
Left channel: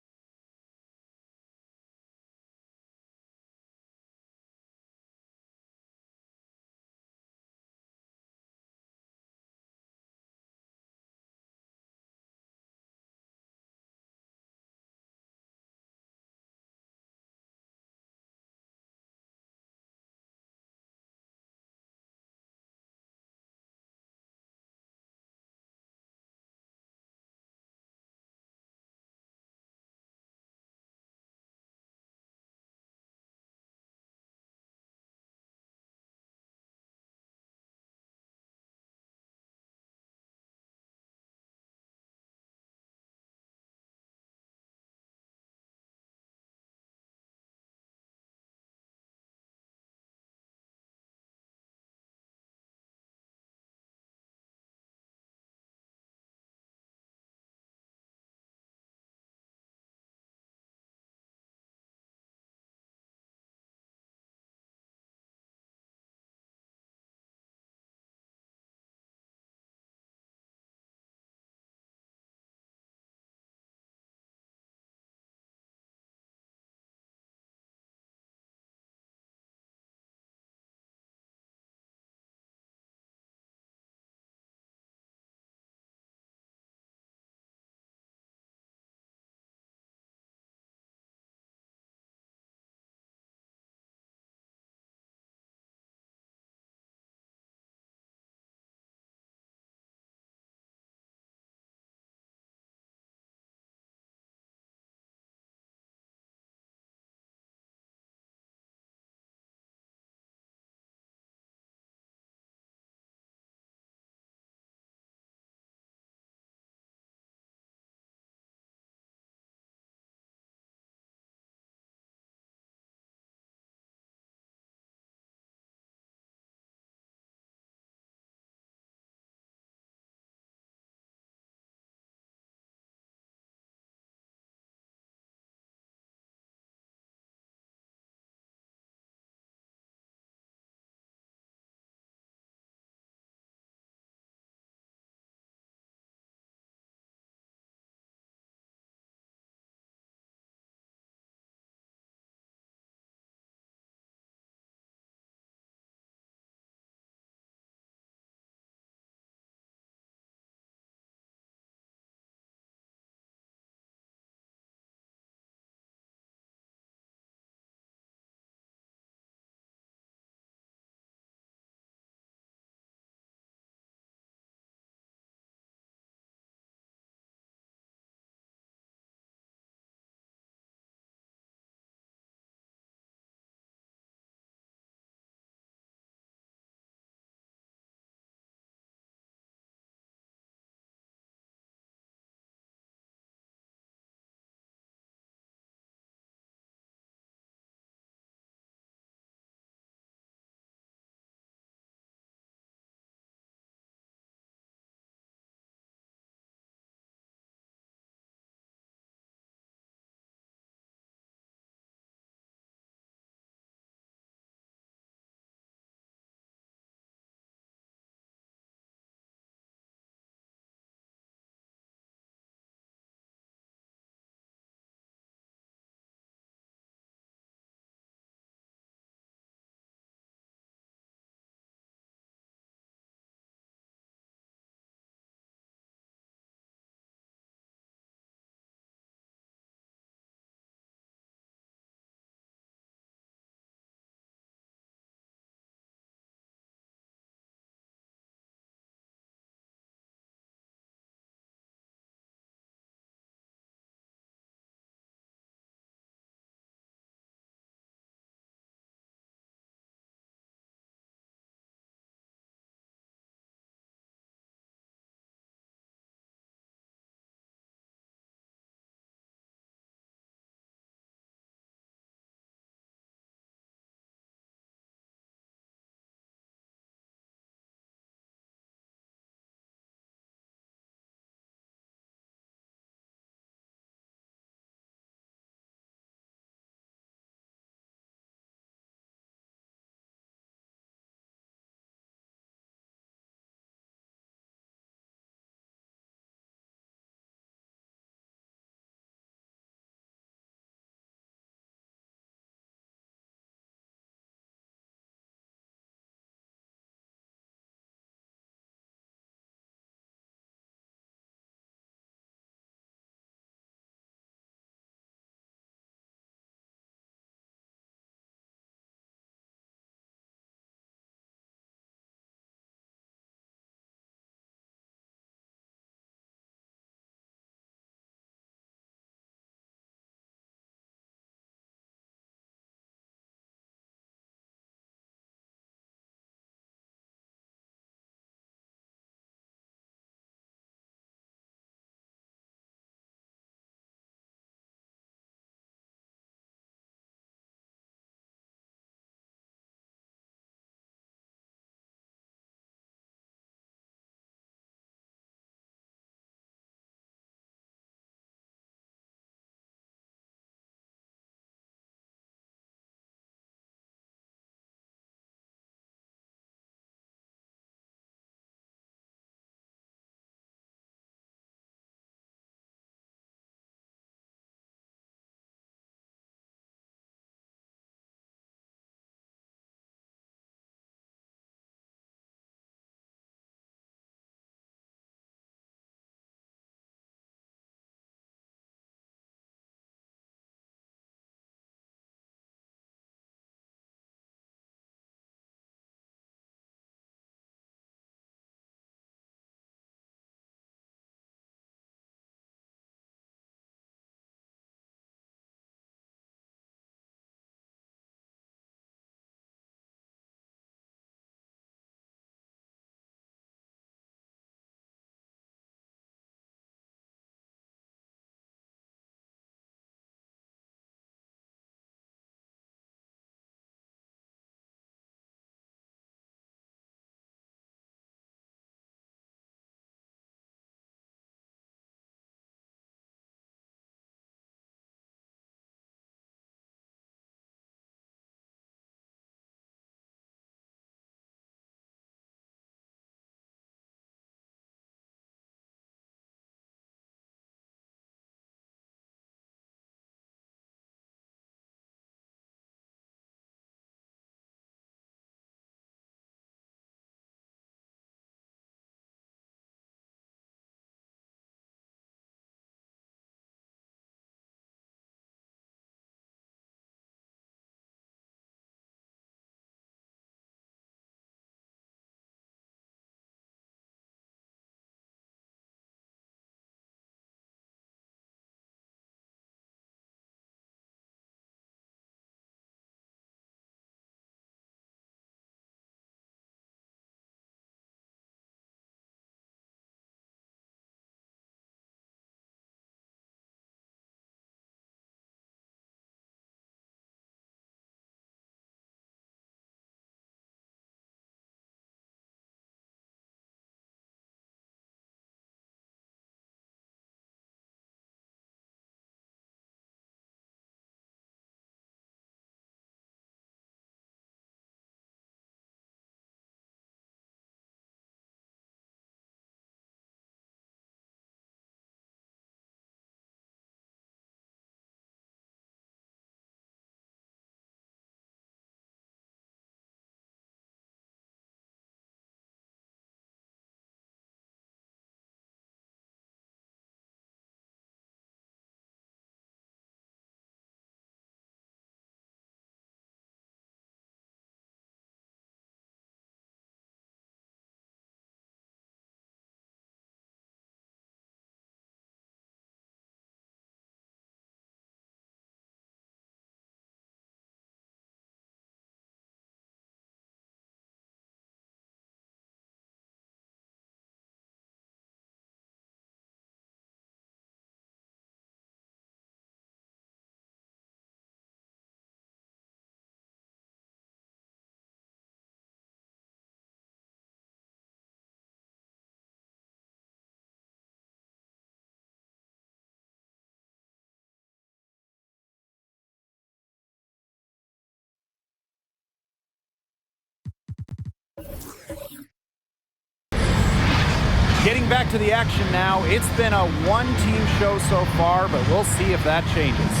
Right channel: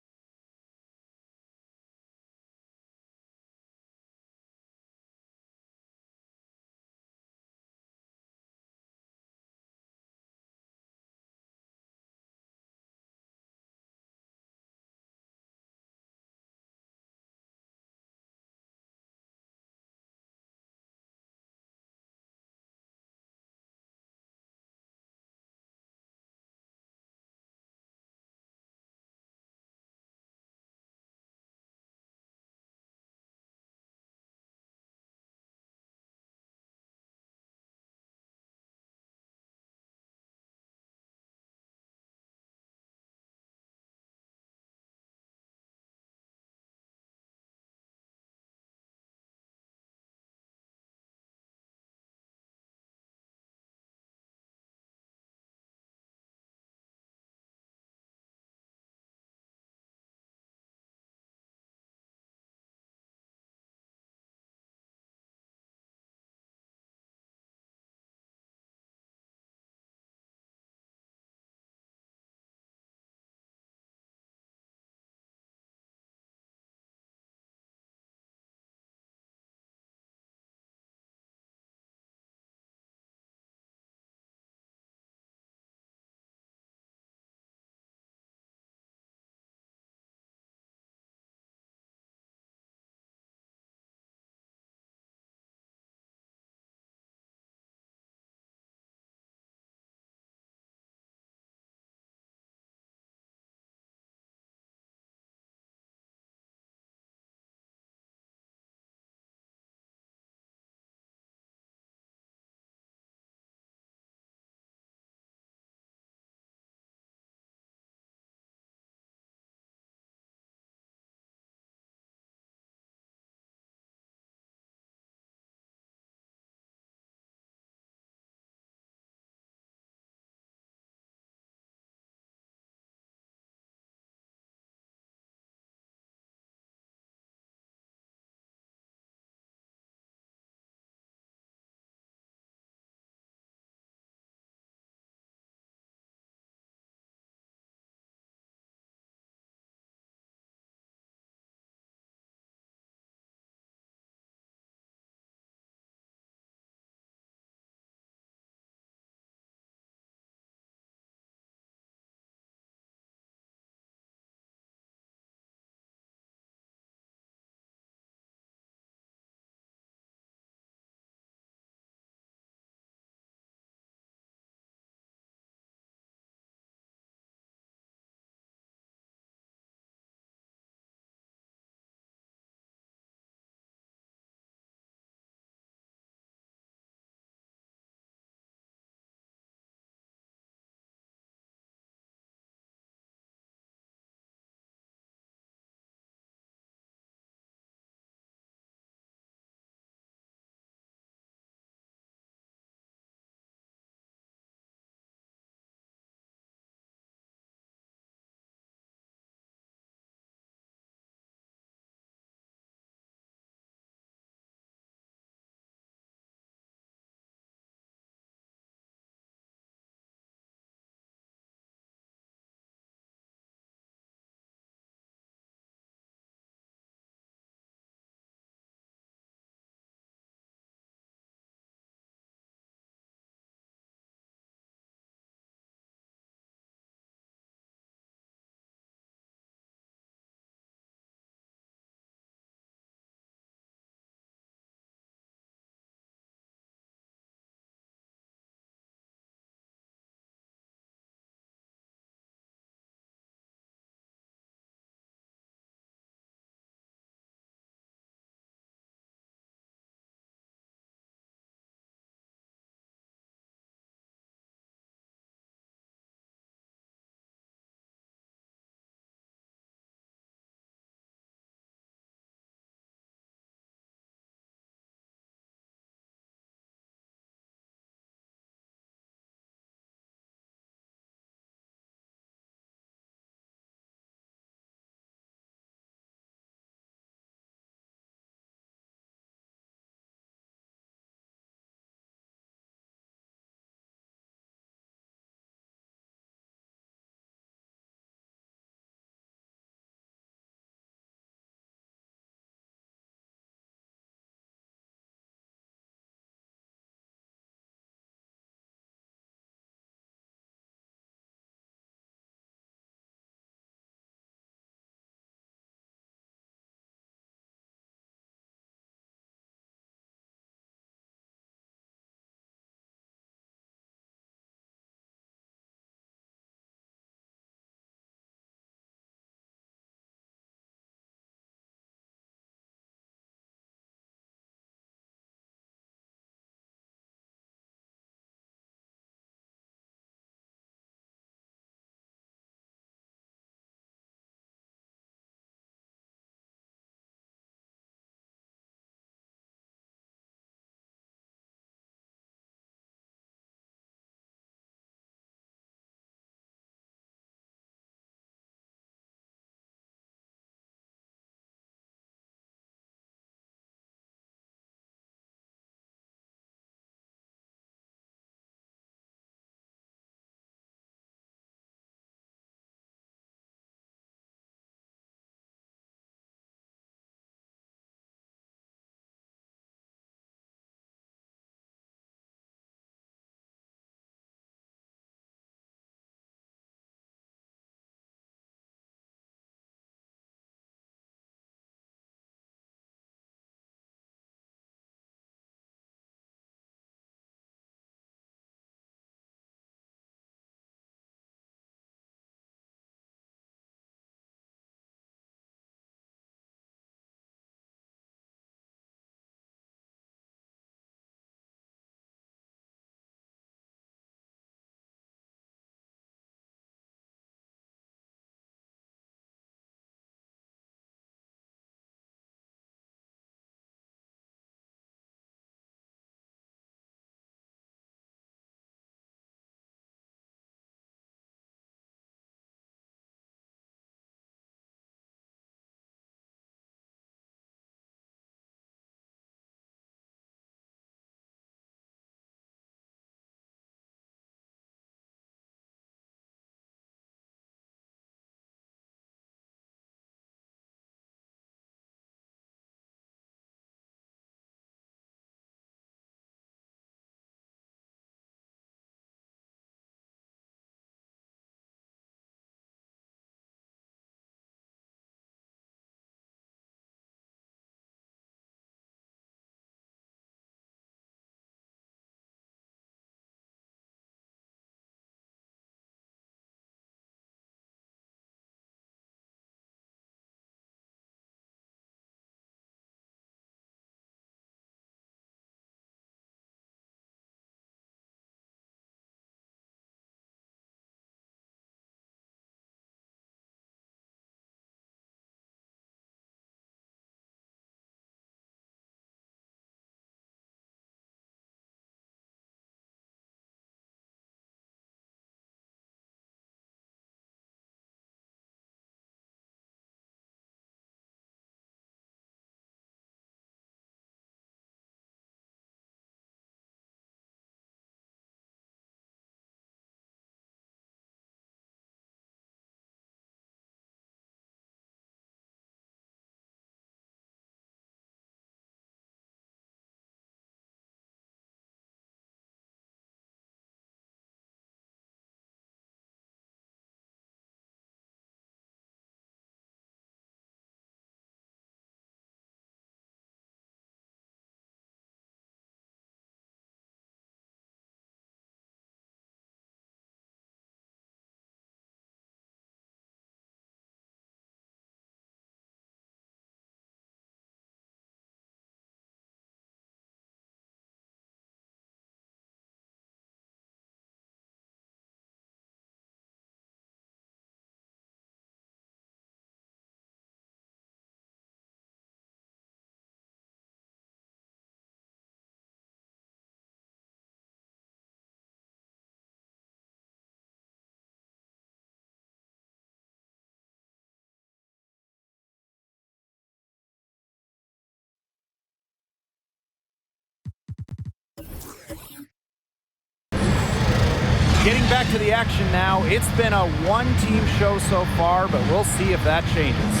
Getting back to the action now, it's been a one-team show so far, but we'll see if that changes.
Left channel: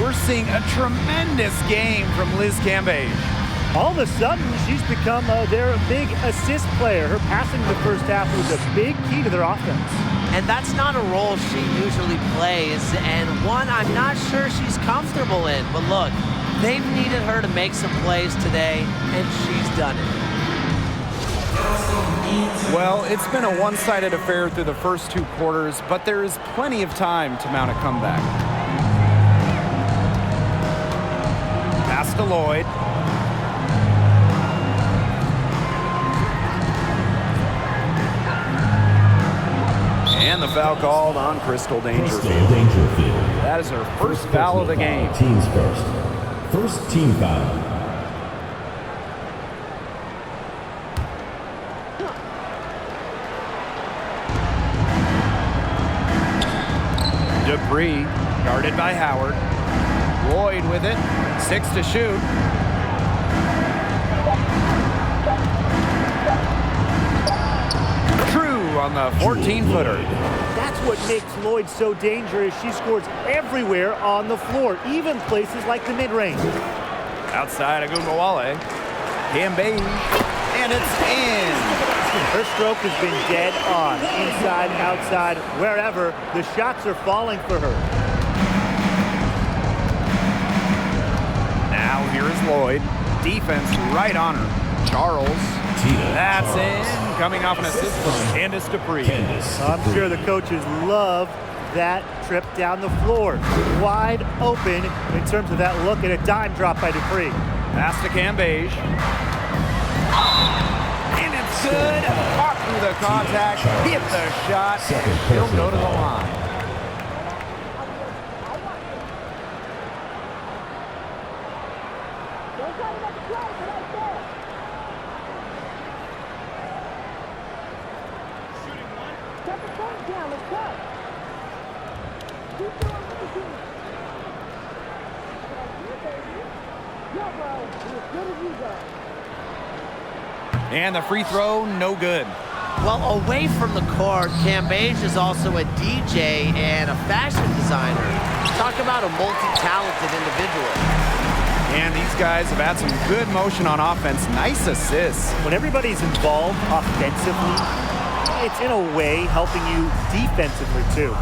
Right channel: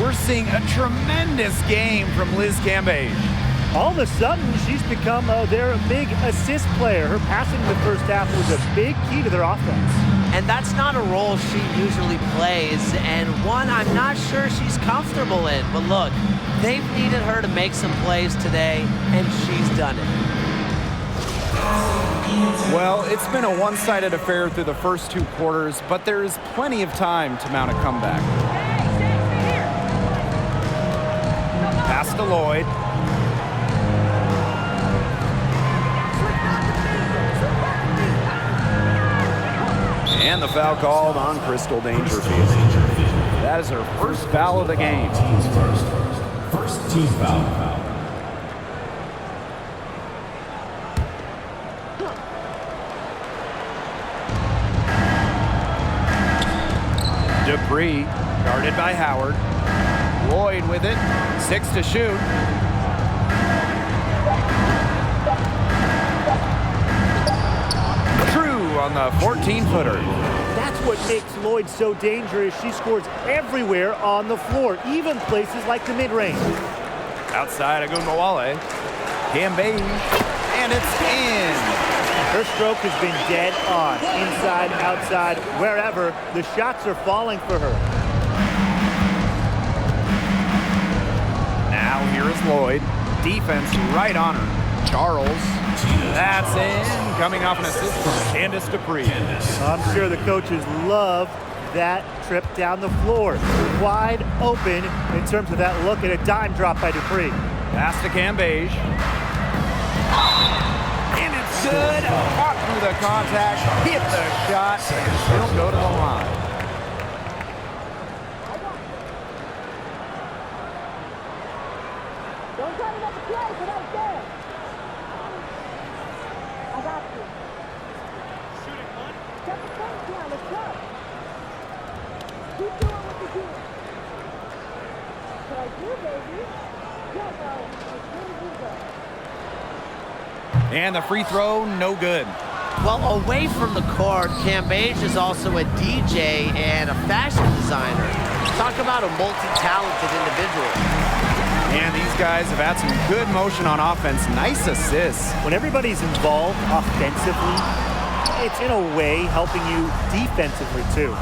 We're seeing a tremendous game from Liz Cambage. All of a sudden, she's become their big assist player. Her passing in the first half was a big key to their offense. And that's not a role she usually plays, and one I'm not sure she's comfortable in. But look, they've needed her to make some plays today, and she's done it. Well, it's been a one-sided affair through the first two quarters, but there is plenty of time to mount a comeback. Pass to Lloyd. And the foul called on Crystal Dangerfield. That is her first foul of the game. Teams first. First team foul. Dupree, guarded by Howard. Lloyd with it, 6 to shoot. True on the 14-footer. That's what makes Lloyd so dangerous. She scores everywhere on the floor, even places like the mid-range. Outside Agunbowale. Cambage, and it's in. Her stroke has been dead on. Inside, outside, wherever, the shots are falling for her. Now here is Lloyd. Defense right on her. Charles. That's in. Coming off an assist from Candace Dupree. I'm sure the coaches love that trip down the floor. Wide open in terms of that look at a dime drop by Dupree. Pass to Cambage. And it's good. Fought through the contact, hit the shot, and she'll go to the line. Don't try to make a play, but right there. I got you. Shooting one. Got the thing down. Let's go. Keep doing what you're doing. That's what I do, baby. Yo, bro. Be as good as you go. And the free throw, no good. Well, away from the court, Cambage is also a DJ and a fashion designer. Talk about a multi-talented individual. And these guys have had some good motion on offense. Nice assists. When everybody's involved offensively, it's in a way helping you defensively too.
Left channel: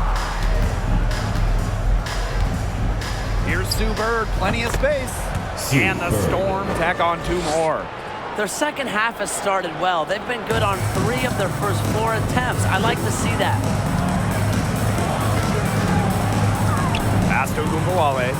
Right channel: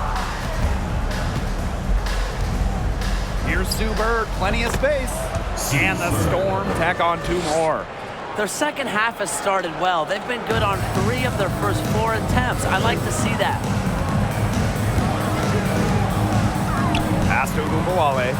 Here's Sue Bird, plenty of space. And the Storm tack on 2 more. Their second half has started well. They've been good on 3 of their first 4 attempts. I like to see that. Pass to Agunbowale.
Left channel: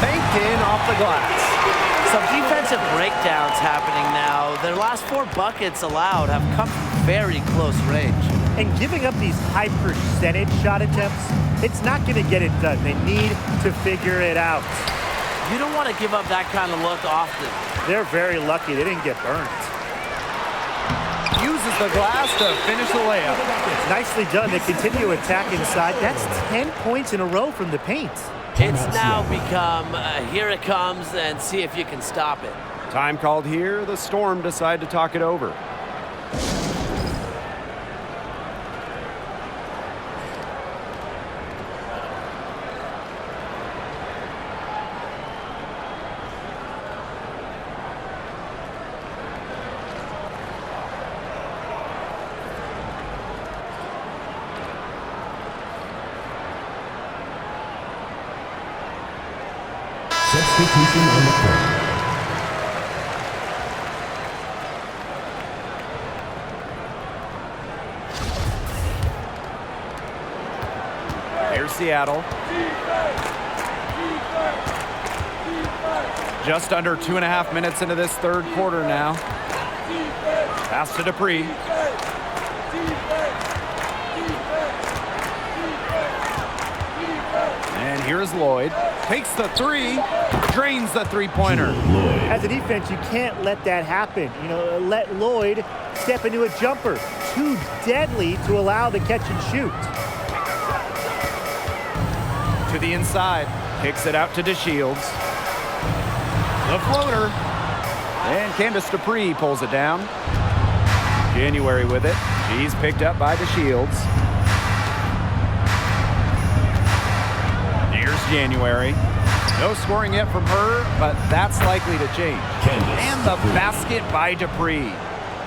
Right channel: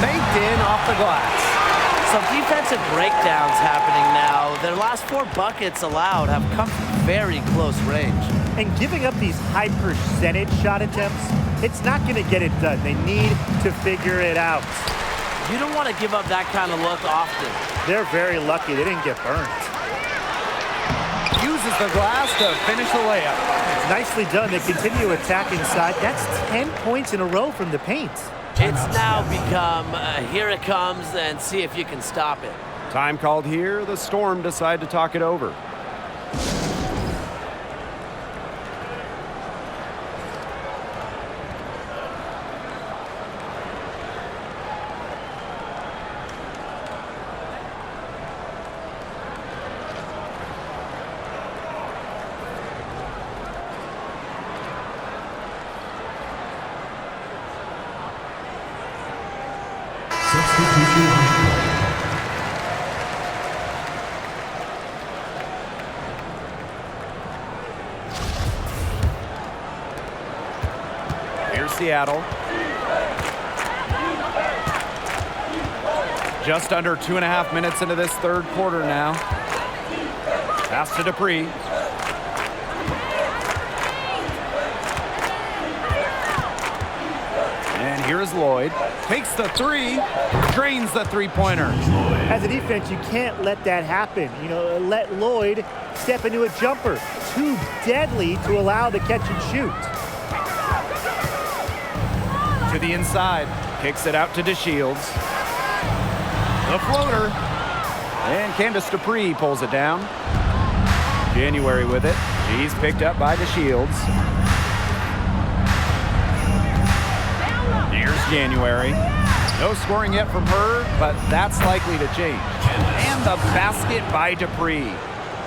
Banked in off the glass. Some defensive breakdowns happening now. Their last 4 buckets allowed have come from very close range. And giving up these high percentage shot attempts, it's not going to get it done. They need to figure it out. You don't want to give up that kind of look often. They're very lucky they didn't get burnt. Uses the glass to finish the layup. It's nicely done. They continue to attack inside. That's 10 points in a row from the paint. It's now become, here it comes, and see if you can stop it. Time called here. The Storm decide to talk it over. Substitution on the court. Here's Seattle. Just under 2.5 minutes into this third quarter now. Pass to Dupree. And here's Lloyd. Takes the 3, drains the 3-pointer. As a defense, you can't let that happen. You know, let Lloyd step into a jumper. Too deadly to allow the catch and shoot. To the inside, kicks it out to DeShields. The floater. And Candace Dupree pulls it down. January with it. She's picked up by the Shields. Here's January. No scoring yet from her, but that's likely to change. And the basket by Dupree.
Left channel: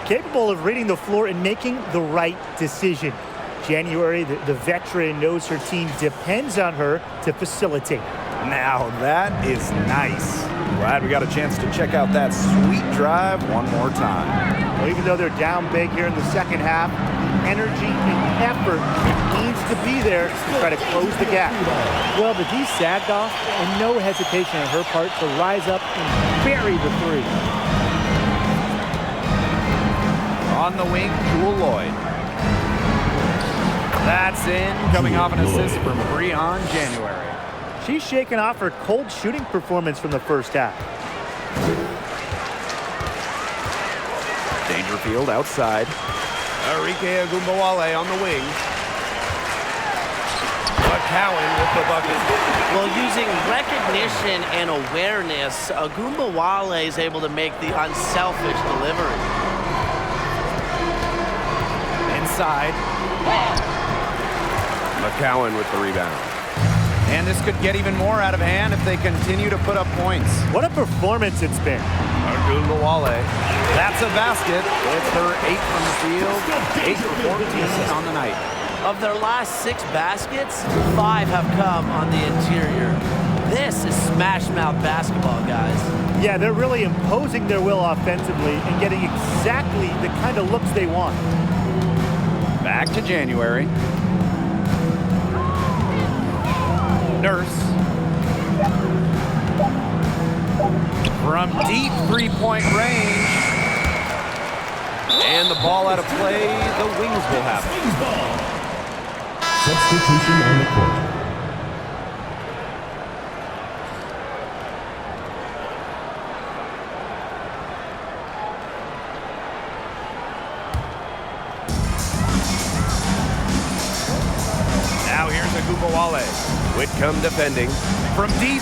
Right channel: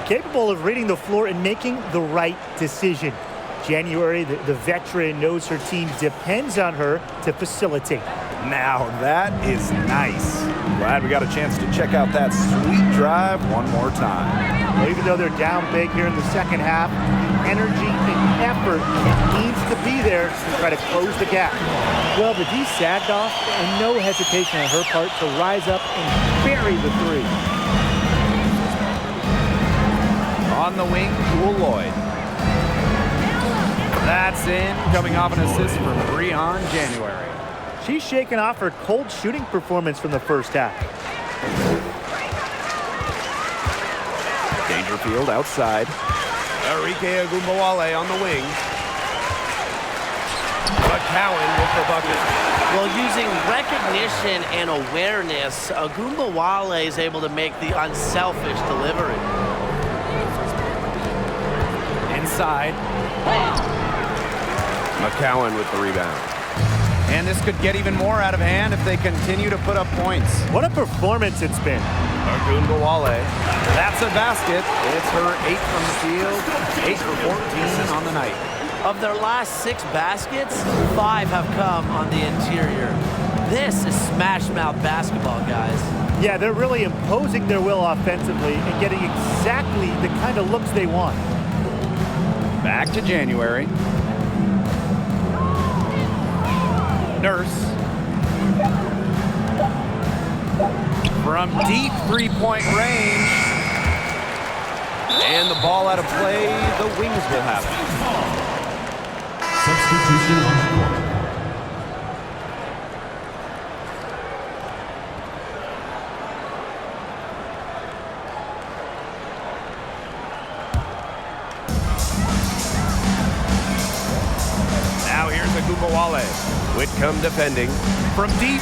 Capable of reading the floor and making the right decision. January, the veteran, knows her team depends on her to facilitate. Now that is nice. Glad we got a chance to check out that sweet drive one more time. Well, even though they're down big here in the second half, the energy and effort needs to be there to try to close the gap. Well, the D sagged off, and no hesitation on her part to rise up and bury the three. On the wing, Jewel Lloyd. That's in, coming off an assist from Breon January. She's shaken off her cold shooting performance from the first half. Dangerfield outside. Arike Agumbawale on the wing. McCowan with the bucket. Well, using recognition and awareness, Agumbawale is able to make the unselfish delivery. Inside. McCowan with the rebound. And this could get even more out of hand if they continue to put up points. What a performance it's been. Agumbawale. That's a basket. It's her 8 from the field. 8 for 14 on the night. Of their last 6 baskets, 5 have come on the interior. This is smash mouth basketball, guys. Yeah, they're really imposing their will offensively and getting exactly the kind of looks they want. Back to January. Nurse. From deep three-point range. And the ball out of play. The Wings will have it. Substitution on the court. Now here's Agumbawale. Whitcomb defending. From deep.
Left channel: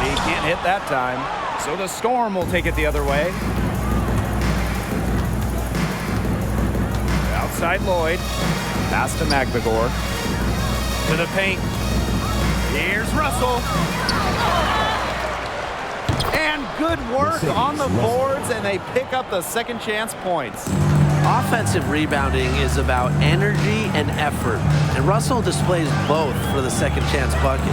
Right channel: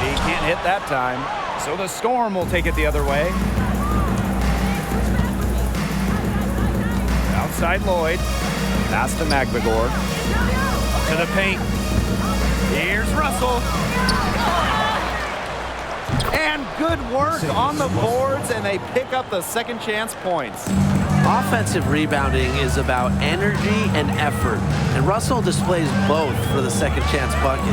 He can't hit that time. So the Storm will take it the other way. Outside Lloyd. Pass to Magbagor. To the paint. Here's Russell. And good work on the boards, and they pick up the second chance points. Offensive rebounding is about energy and effort, and Russell displays both for the second chance bucket.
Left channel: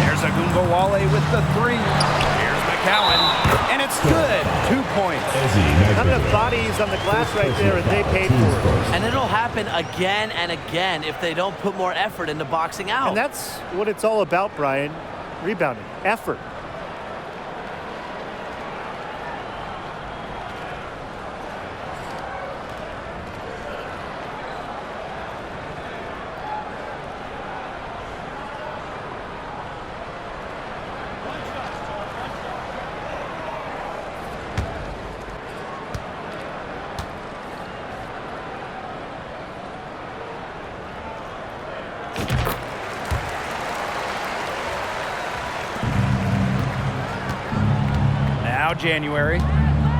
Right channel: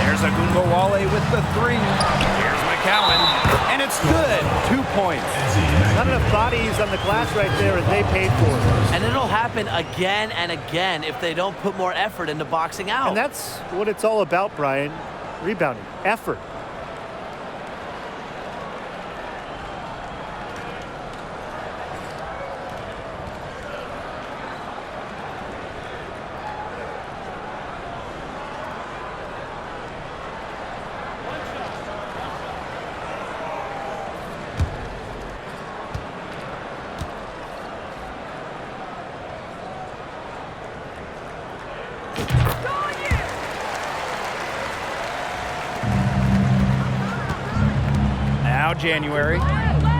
There's Agumbawale with the 3. Here's McCowan, and it's good. 2 points. Not enough bodies on the glass right there, and they paid for it. And it'll happen again and again if they don't put more effort into boxing out. And that's what it's all about, Brian. Rebounding, effort. Now January.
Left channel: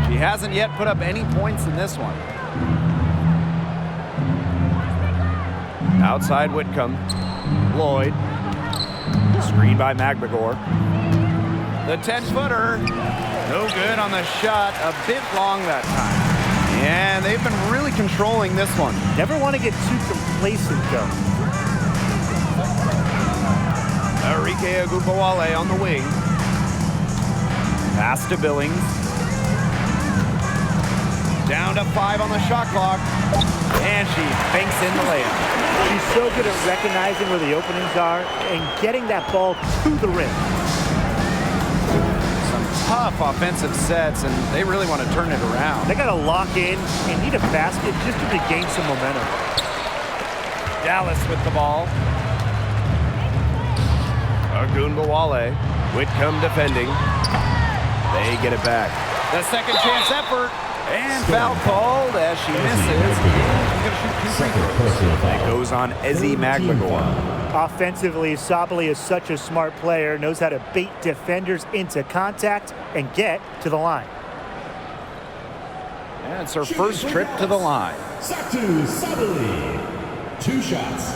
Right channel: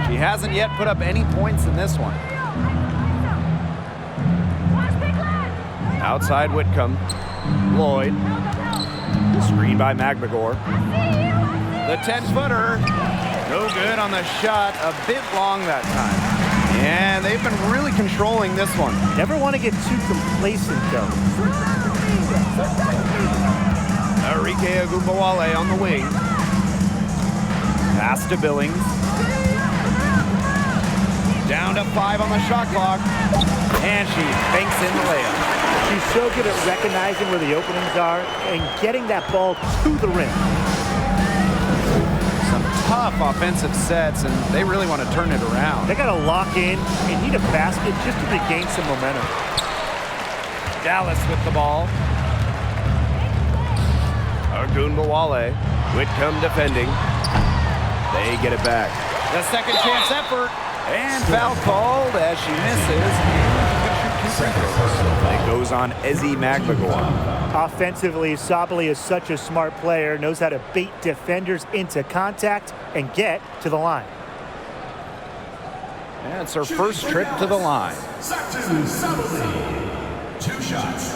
She hasn't yet put up any points in this one. Outside Whitcomb. Lloyd. Screen by Magbagor. The 10-footer. No good on the shot. A bit long that time. And they've been really controlling this one. Never want to get too complacent, though. Arike Agumbawale on the wing. Pass to Billings. Down to 5 on the shot clock. And she banks in the layup. She's so good at recognizing where the openings are and getting that ball to the rim. Some tough offensive sets, and they really want to turn it around. They got to lock in and need a basket just to regain some momentum. Dallas with the ball. Agumbawale. Whitcomb defending. They get it back. The second chance effort. And foul called as she misses. And she's going to shoot 2 free throws. It goes on Ezi Magbagor. Offensively, Sabali is such a smart player, knows how to bait defenders into contact and get to the line. And it's her first trip to the line. Satu Sabali. 2 shots.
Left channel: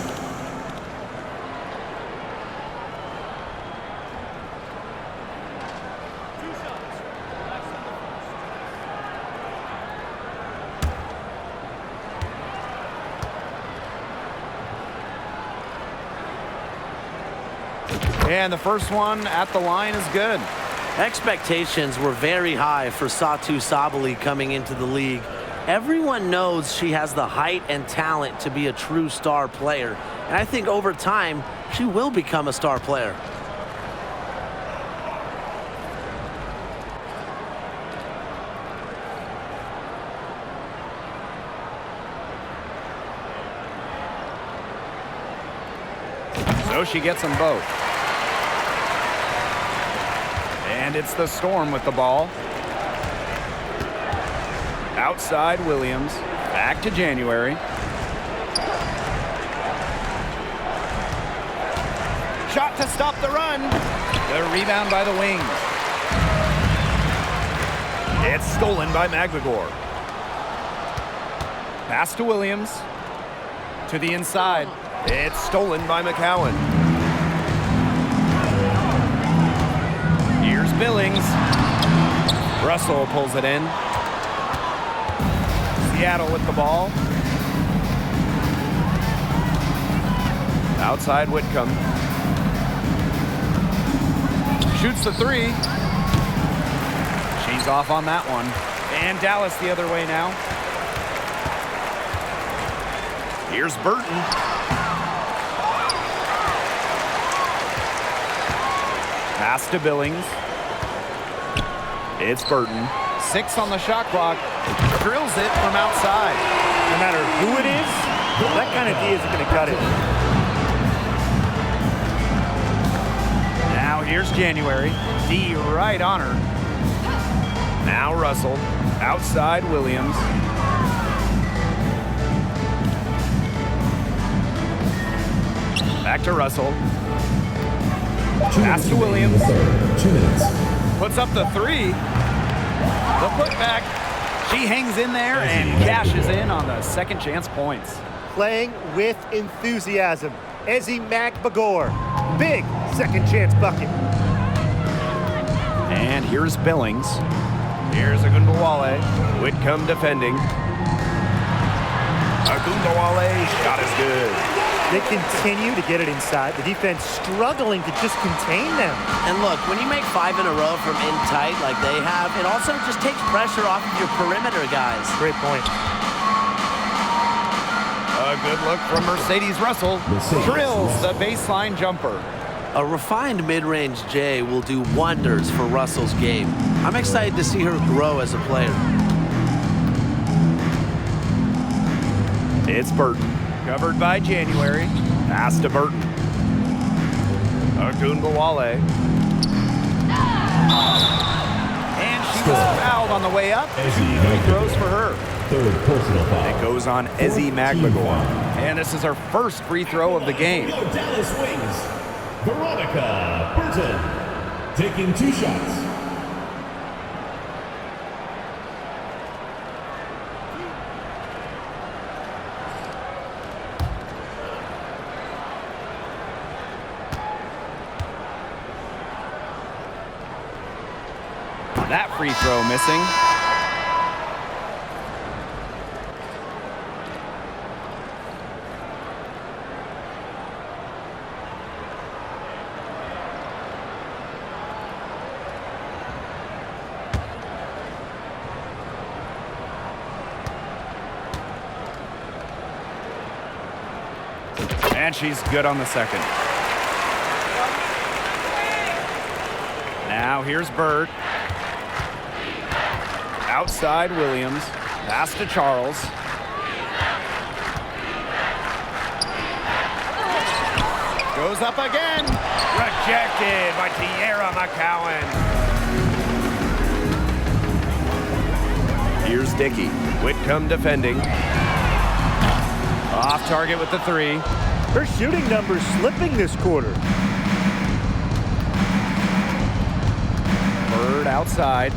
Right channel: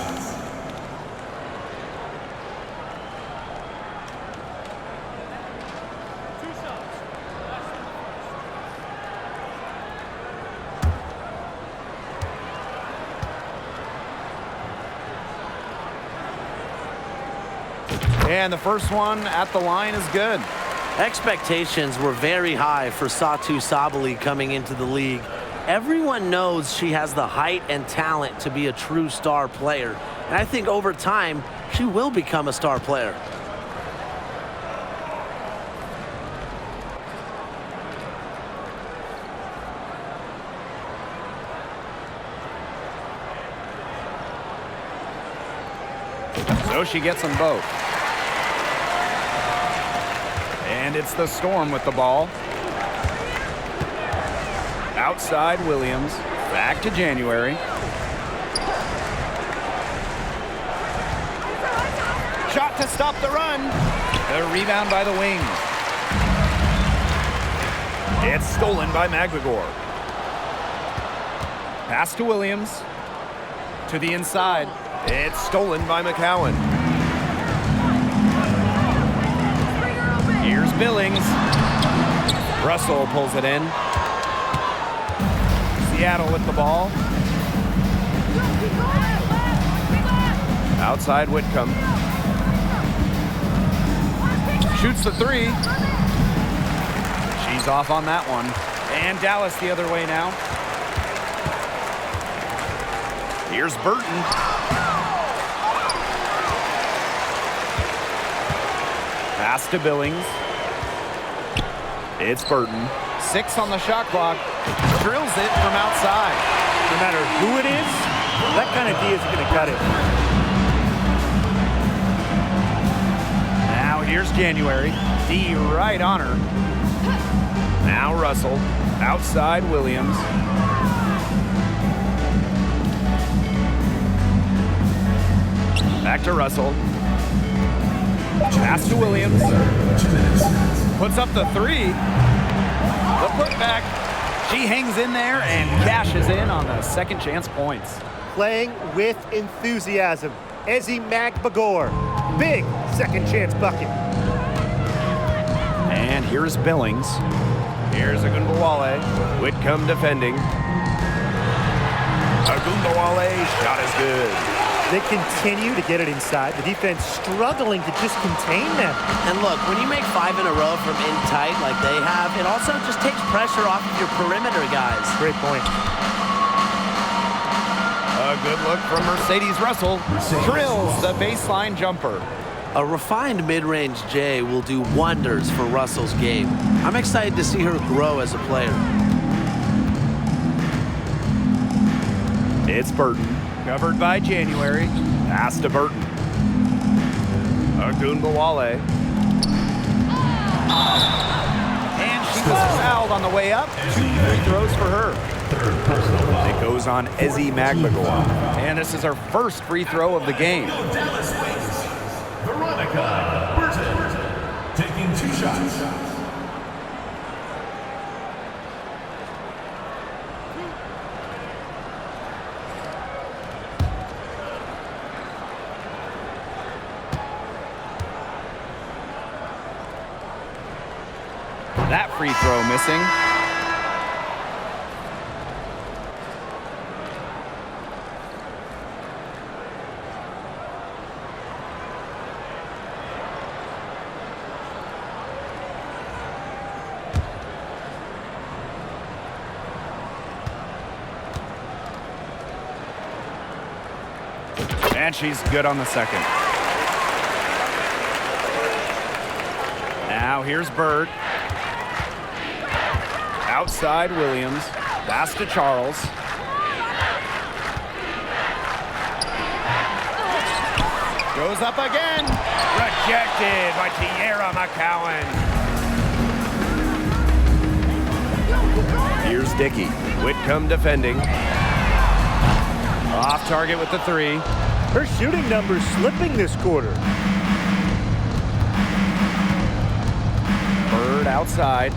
And the first one at the line is good. Expectations were very high for Satu Sabali coming into the league. Everyone knows she has the height and talent to be a true star player. And I think over time, she will become a star player. So she gets them both. And it's the Storm with the ball. Outside Williams. Back to January. Shot to stop the run. The rebound by the Wings. It's stolen by McGregor. Pass to Williams. To the inside. It's stolen by McCowan. Here's Billings. Russell pulls it in. Seattle with the ball. Outside Whitcomb. Shoots the 3. She's off on that one. And Dallas the other way now. Here's Burton. Pass to Billings. It's Burton. 6 on the shot clock. Drills it from outside. No matter who it is, that kind of D isn't going to cut it. Now here's January. D right on her. Now Russell. Outside Williams. Back to Russell. Pass to Williams. 2 minutes. Puts up the 3. The putback. She hangs in there and cashes in on the second chance points. Playing with enthusiasm. Ezi Magbagor. Big second chance bucket. And here's Billings. Here's Agunbawale. Whitcomb defending. Agunbawale, shot is good. They continue to get it inside. The defense struggling to just contain them. And look, when you make 5 in a row from in tight like they have, it also just takes pressure off of your perimeter guys. Great point. A good look from Mercedes Russell. Drills the baseline jumper. A refined mid-range J will do wonders for Russell's game. I'm excited to see her grow as a player. It's Burton. Covered by January. Pass to Burton. Agunbawale. And she was fouled on the way up. 2 free throws for her. 3rd personal foul. It goes on Ezi Magbagor. And this is her first free throw of the game. Dallas Wings. Veronica Burton. Taking 2 shots. That free throw missing. And she's good on the second. Now here's Bird. Outside Williams. Pass to Charles. Goes up again. Rejected by Tierra McCowan. Here's Dickey. Whitcomb defending. Off target with the 3. Her shooting numbers slipping this quarter. Bird outside.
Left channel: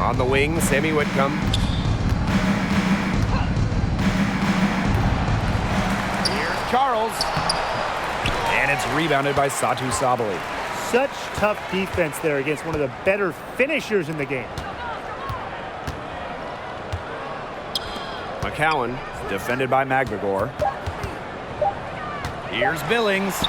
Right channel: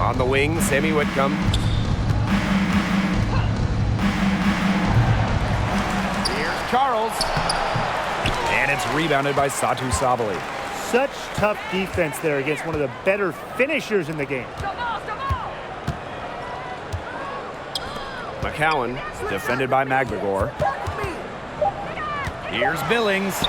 On the wing, Sammy Whitcomb. Charles. And it's rebounded by Satu Sabali. Such tough defense there against one of the better finishers in the game. McCowan, defended by Magbagor. Here's Billings.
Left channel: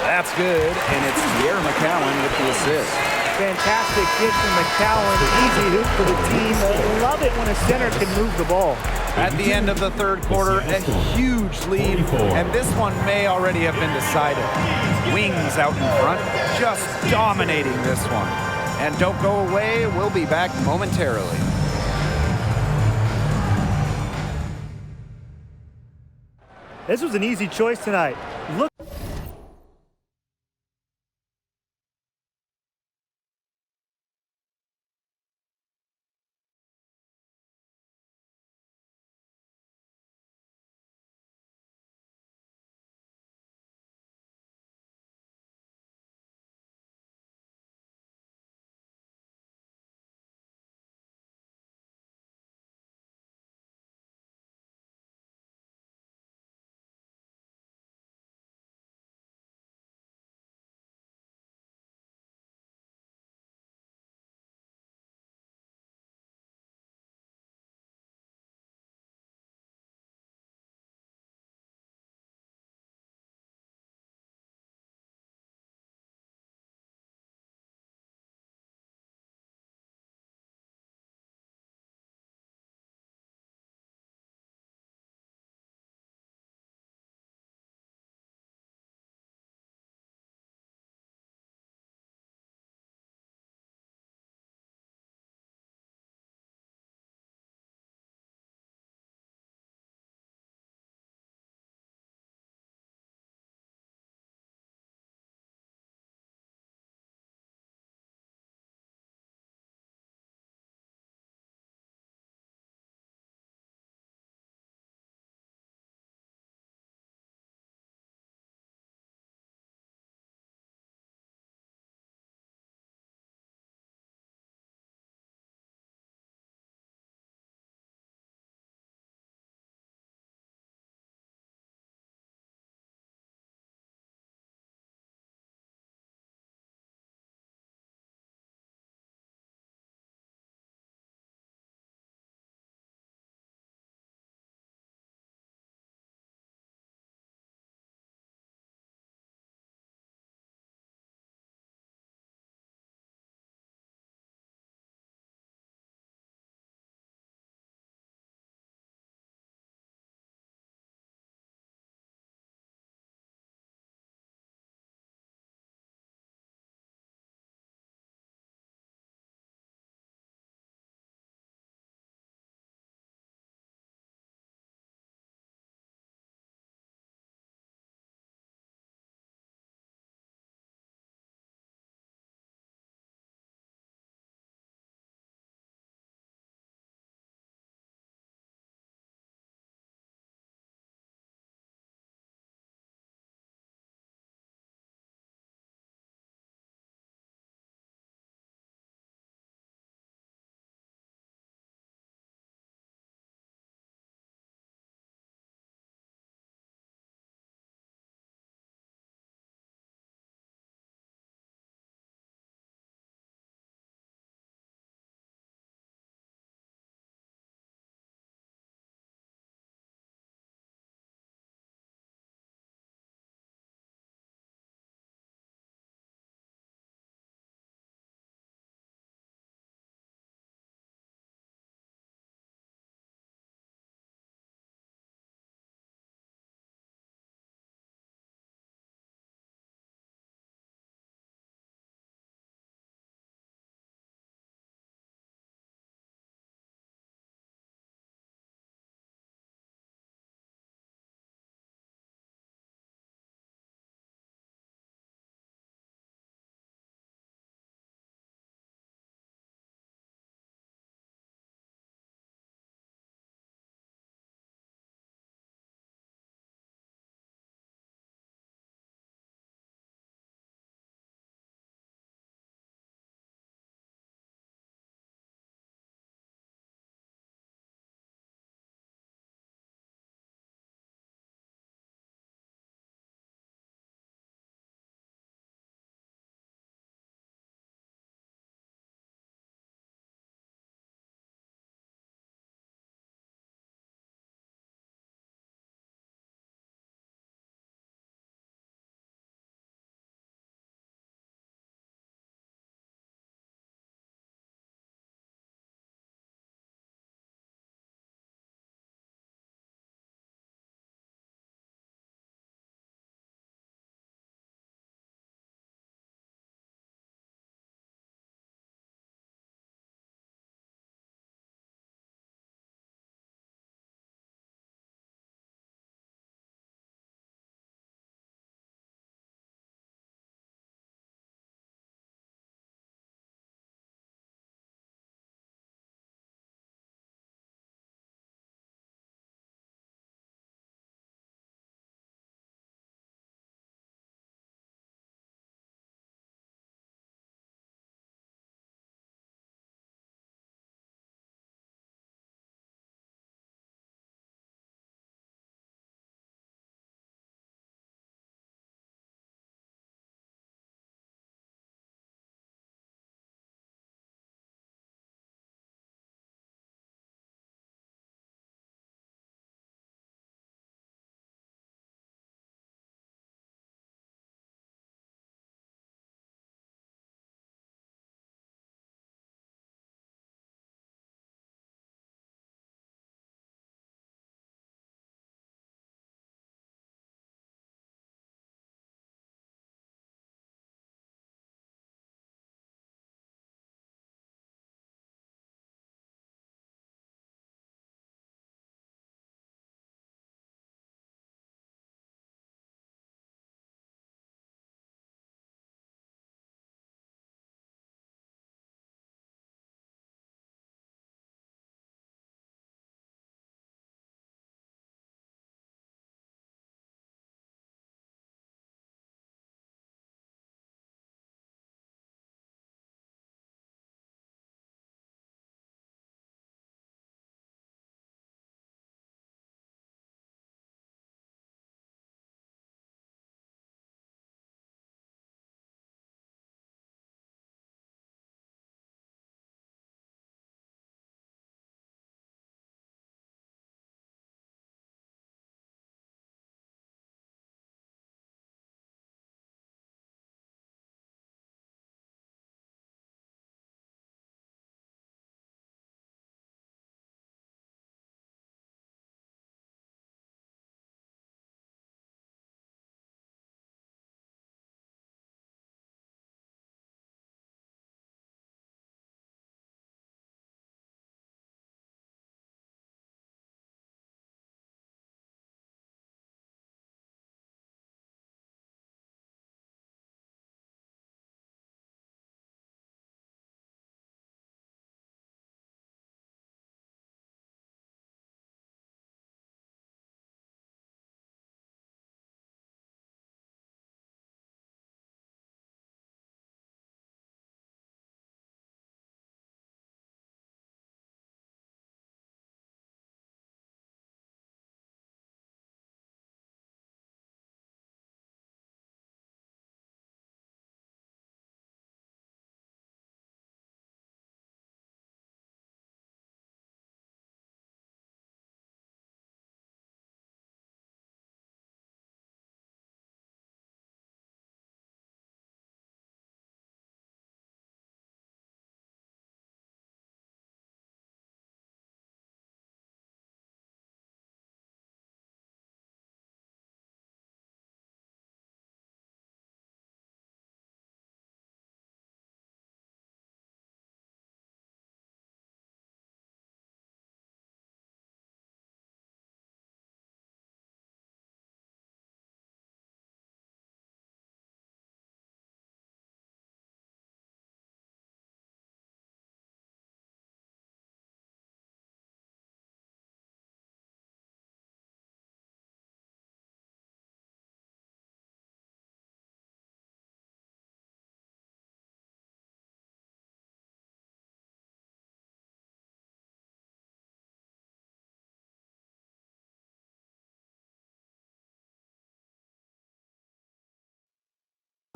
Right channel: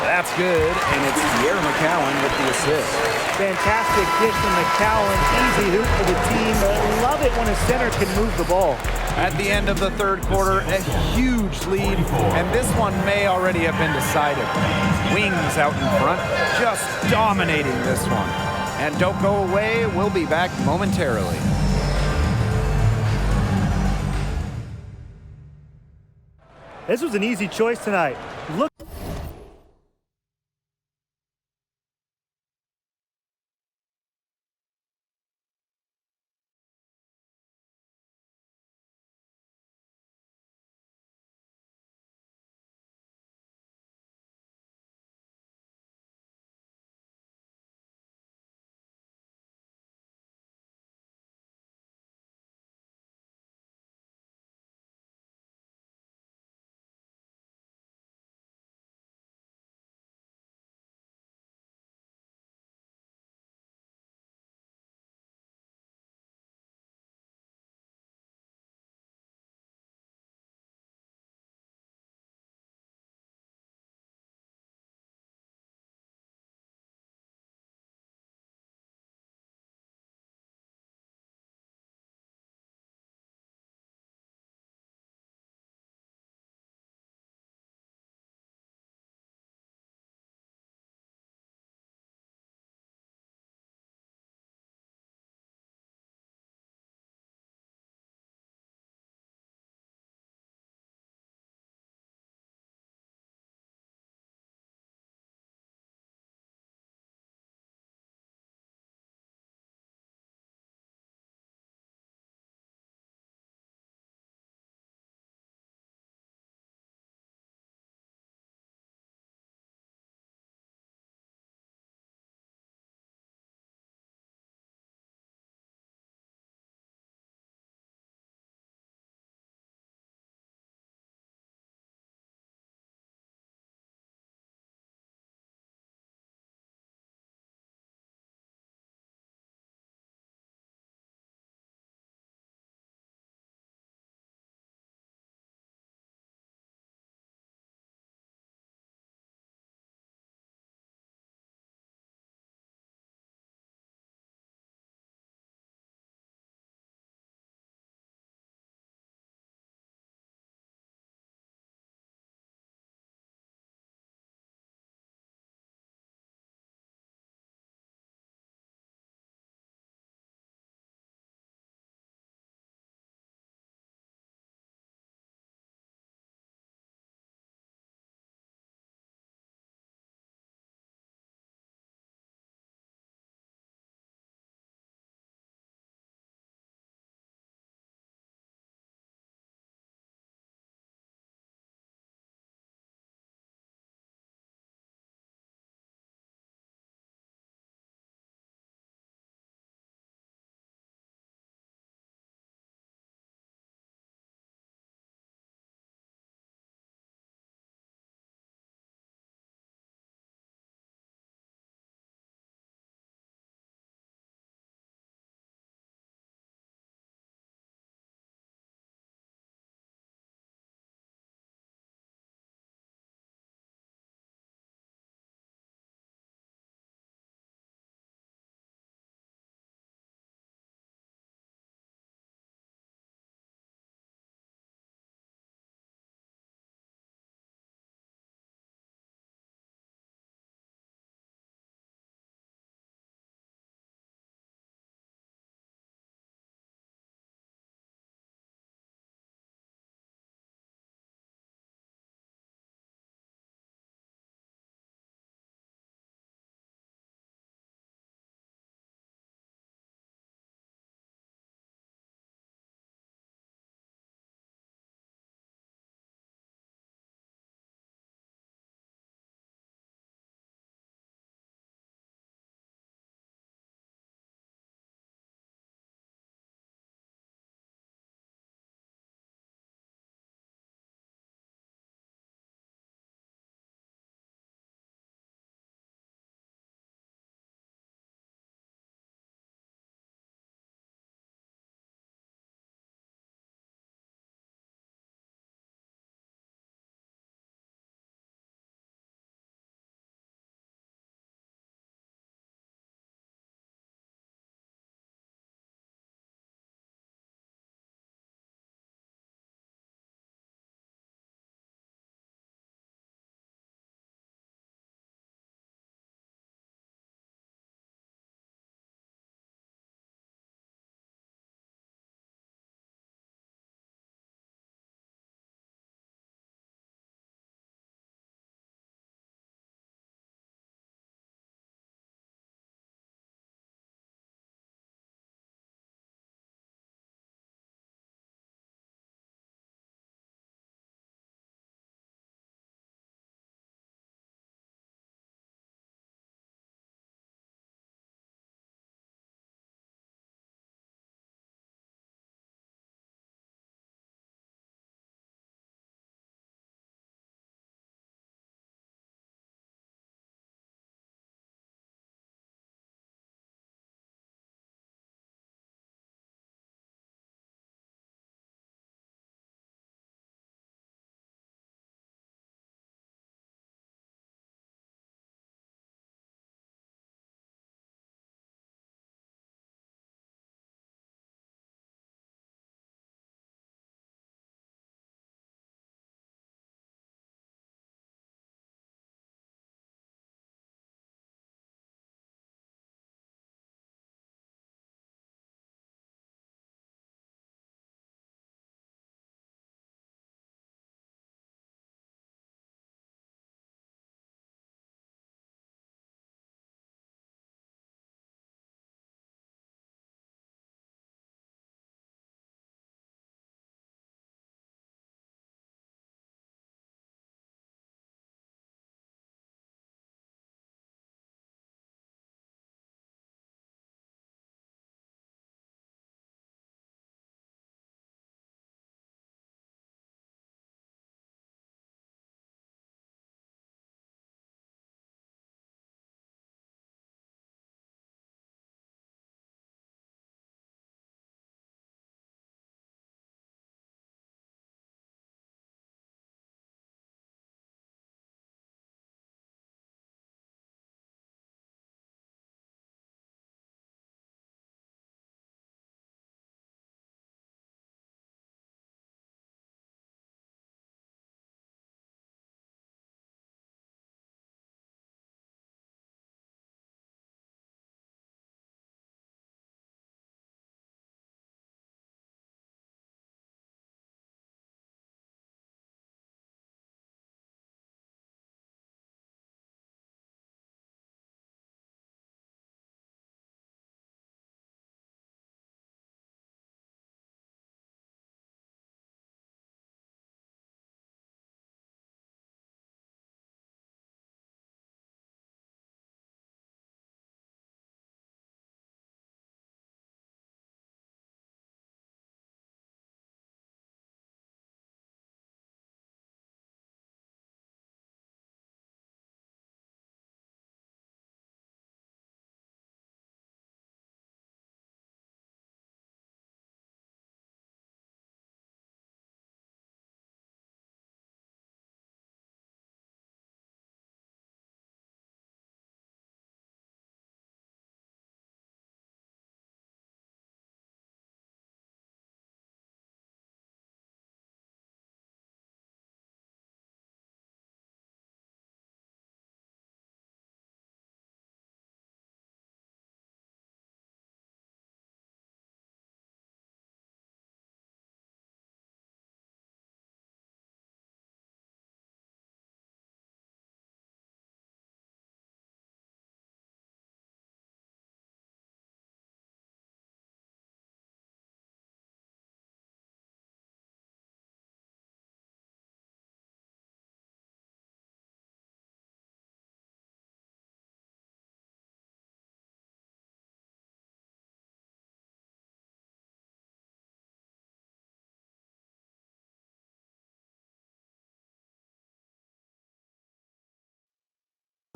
That's good, and it's Tierra McCowan with the assist. Fantastic dish from McCowan. Easy hoop for the team. Love it when a center can move the ball. At the end of the third quarter, a huge lead, and this one may already have been decided. Wings out in front, just dominating this one. And don't go away, we'll be back momentarily. This was an easy choice tonight. Look.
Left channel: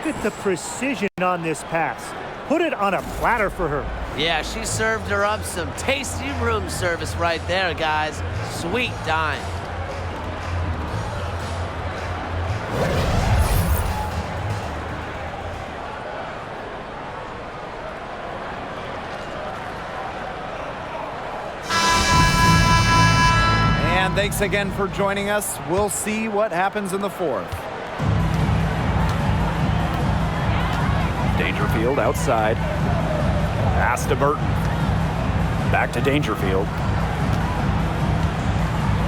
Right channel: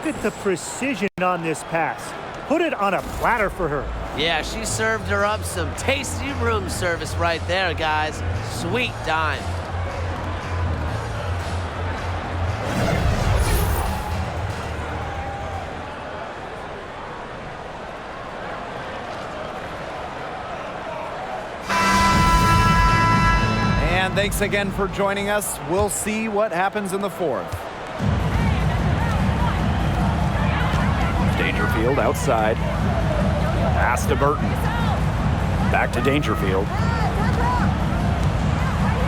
Look at the precision on this pass. Put it on a platter for her. Yeah, she served her up some tasty room service right there, guys. Sweet dime. And thanks again for joining us. We'll see what happens in the fourth. Dangerfield outside. Pass to Burton. Back to Dangerfield.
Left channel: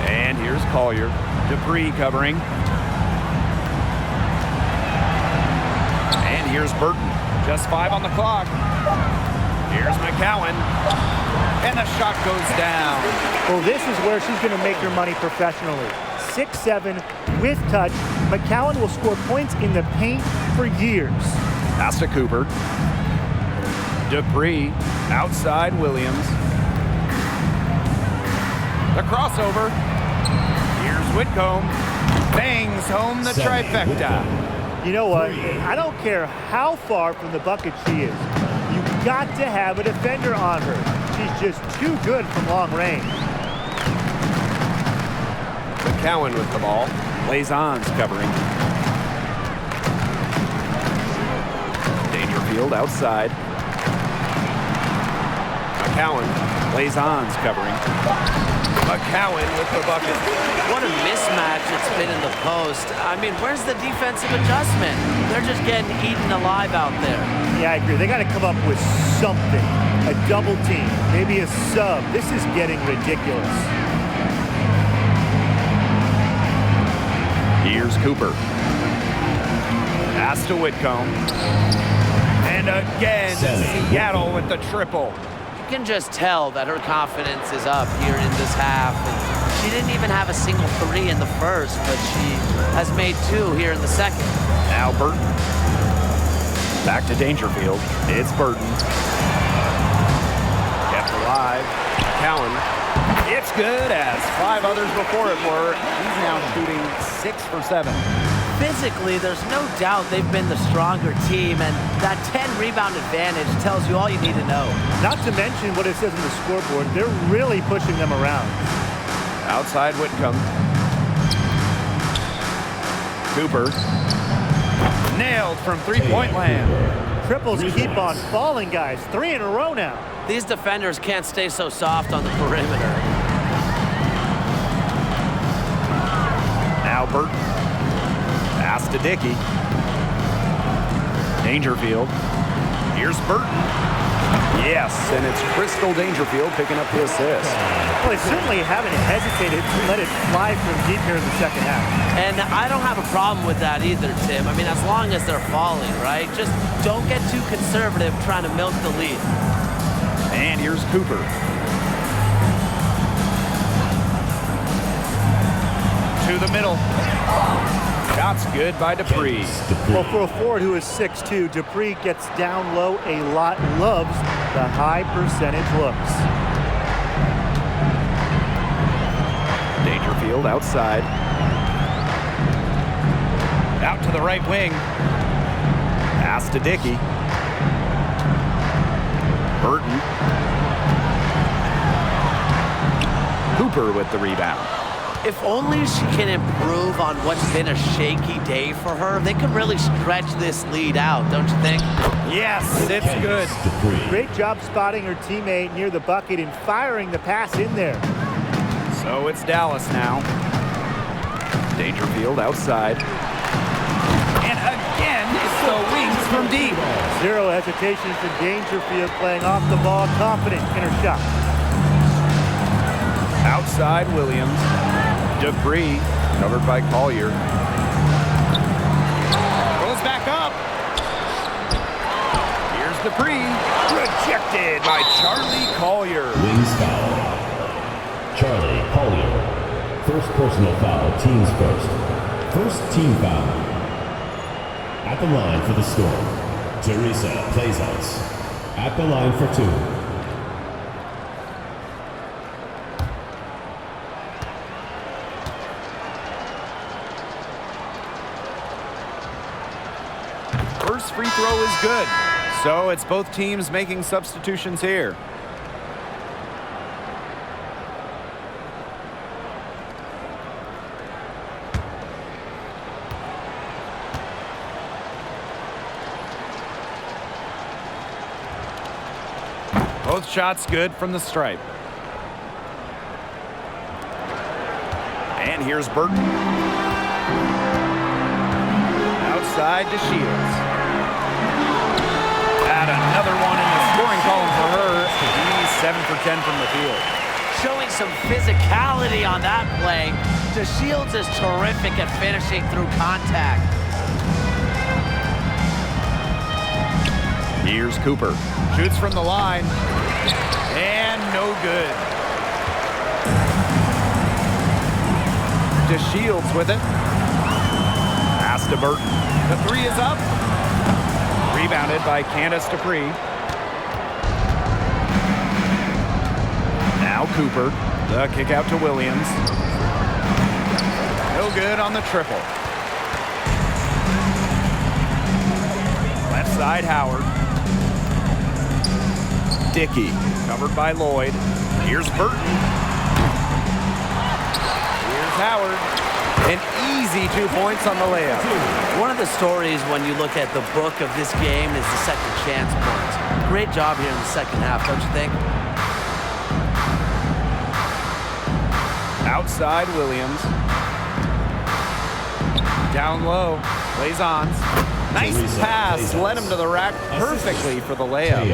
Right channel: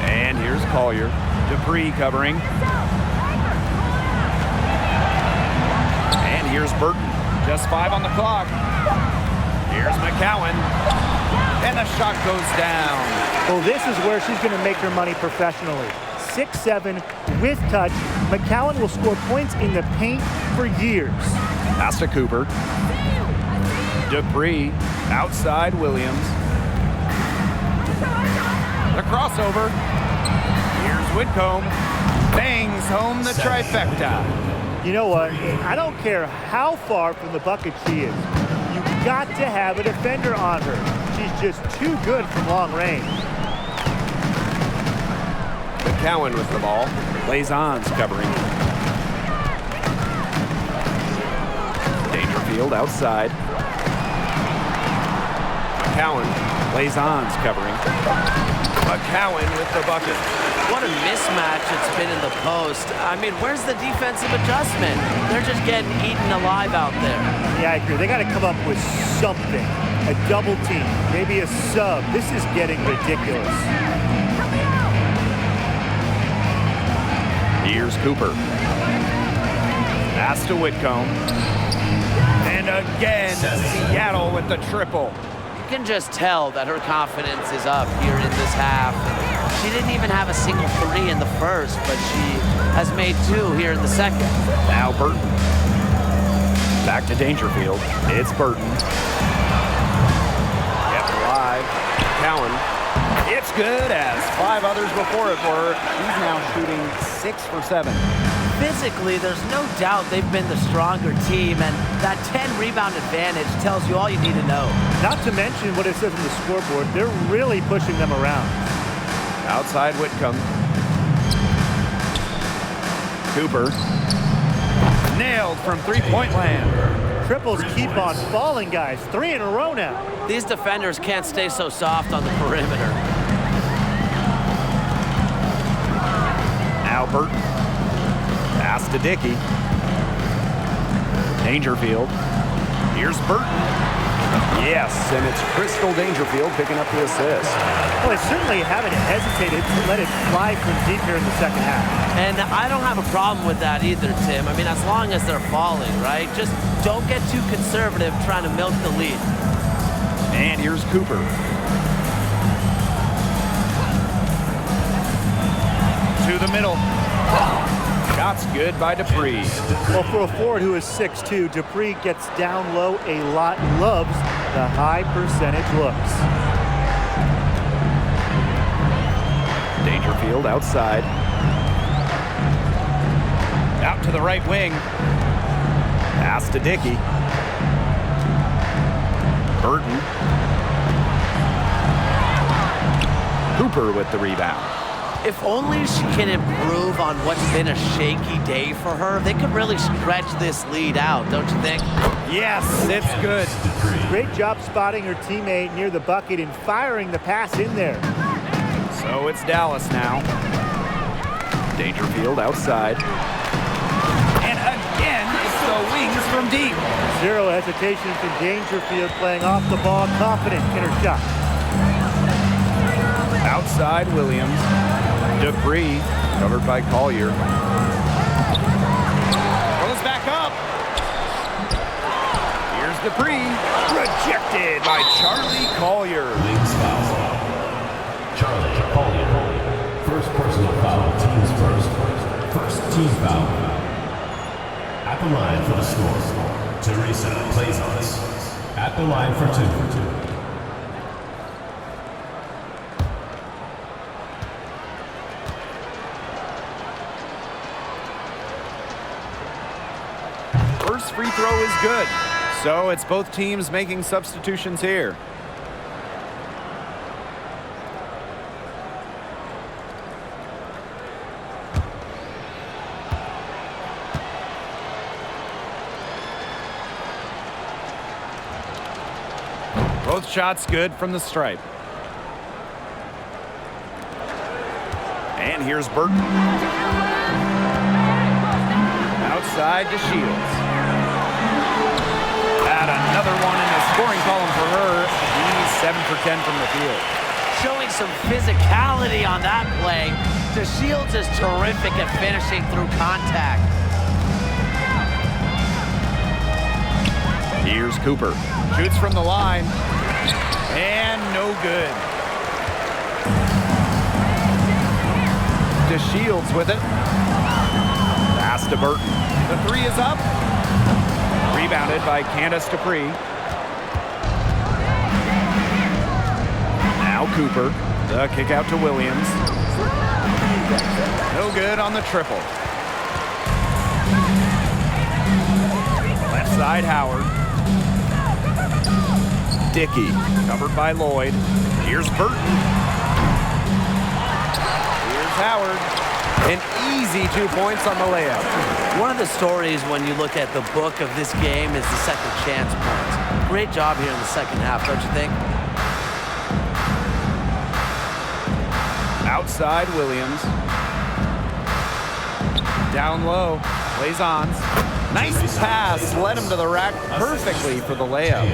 And here's Collier. Dupree covering. And here's Burton. Just 5 on the clock. Here's McCowan. And the shot goes down. Well, this is where she's going to make her money professionally. 6'7", with touch. McCowan will score points in the paint for years. Pass to Cooper. Dupree outside Williams. The crossover. Here's Whitcomb. Bangs home the trifecta. You know what? I don't care how far from the bucket she is. You got to have a defender on her. She's just too good from long range. McCowan with the ball. Laison's covering. Dangerfield outside. McCowan. Laison's covering. McCowan with the bucket. What a mismatch it's been in the post. I mean, where's the defensive adjustment? They're just getting eaten alive out there. Yeah, I agree. They got to come up with something. A double team, maybe a sub. This is getting ridiculous. Here's Cooper. Pass to Whitcomb. And again, Seattle with the triple. You can just tell that her confidence is up here in this half. And she didn't even have a single 3 in the first, but she has made 2 here in the second. Now Burton. Back to Dangerfield. It's Burton. Kept alive. McCowan. It's good, as 5 others before it were. He's now shooting 6 for 7. Physically, there's no doubt they've been the stronger team, and that 10 rebound advantage tells you all you need to know. Not to mention what it says on the scoreboard. They're really pushing them around. Outside Whitcomb. Cooper. Nailed from three-point land. Triples keep on falling, guys. 3 in a row now. These defenders can't stay so soft on the perimeter. Now Burton. Pass to Dickey. Dangerfield. Here's Burton. Yes, and it's Crystal Dangerfield picking up the assist. Well, they certainly haven't hesitated to let it fly from deep here in the second half. And I don't have a problem with that either, Tim. I mean, as long as they're falling, right? Just don't get too conservative trying to milk the lead. And here's Cooper. To the middle. Shots good by Dupree. Well, for a forward who is 6'2", Dupree gets down low a lot, loves the high percentage looks. Dangerfield outside. Out to the right wing. Pass to Dickey. Burton. Cooper with the rebound. If only she can improve on what's been a shaky day for her, they could really stretch this lead out, don't you think? Yes, it's good. Great job spotting her teammate near the bucket and firing the pass in there. So it's Dallas now. Dangerfield outside. And again, it's the wings from deep. Zero hesitation from Dangerfield, playing off the ball, confident in her shot. Outside Williams. Dupree, covered by Collier. Goes back up. Here's Dupree. Rejected by Charlie Collier. Wings foul. Charlie Collier. First personal foul, teams first. First team foul. At the line for the Storm, Teresa Plaisance. At the line for 2. first free throw is good. So it's both teams making substitutions here. Both shots good from the stripe. And here's Burton. Outside to Shields. Add another one in the scoring column for her. He's 7 for 10 from the field. Showing some physicality on that play. DeShields is terrific at finishing through contact. Here's Cooper. Shoots from the line. And no good. DeShields with it. Pass to Burton. The three is up. Rebounded by Candace Dupree. Now Cooper. The kick out to Williams. No good on the triple. Left side, Howard. Dickey, covered by Lloyd. Here's Burton. Here's Howard. An easy 2 points on the layup. One of the stories when you look at the book of this game is the second chance points. Great job here in the second half, don't you think? Outside, Williams. Down low, plays on. Nice pass, led him to the rack perfectly for the layup.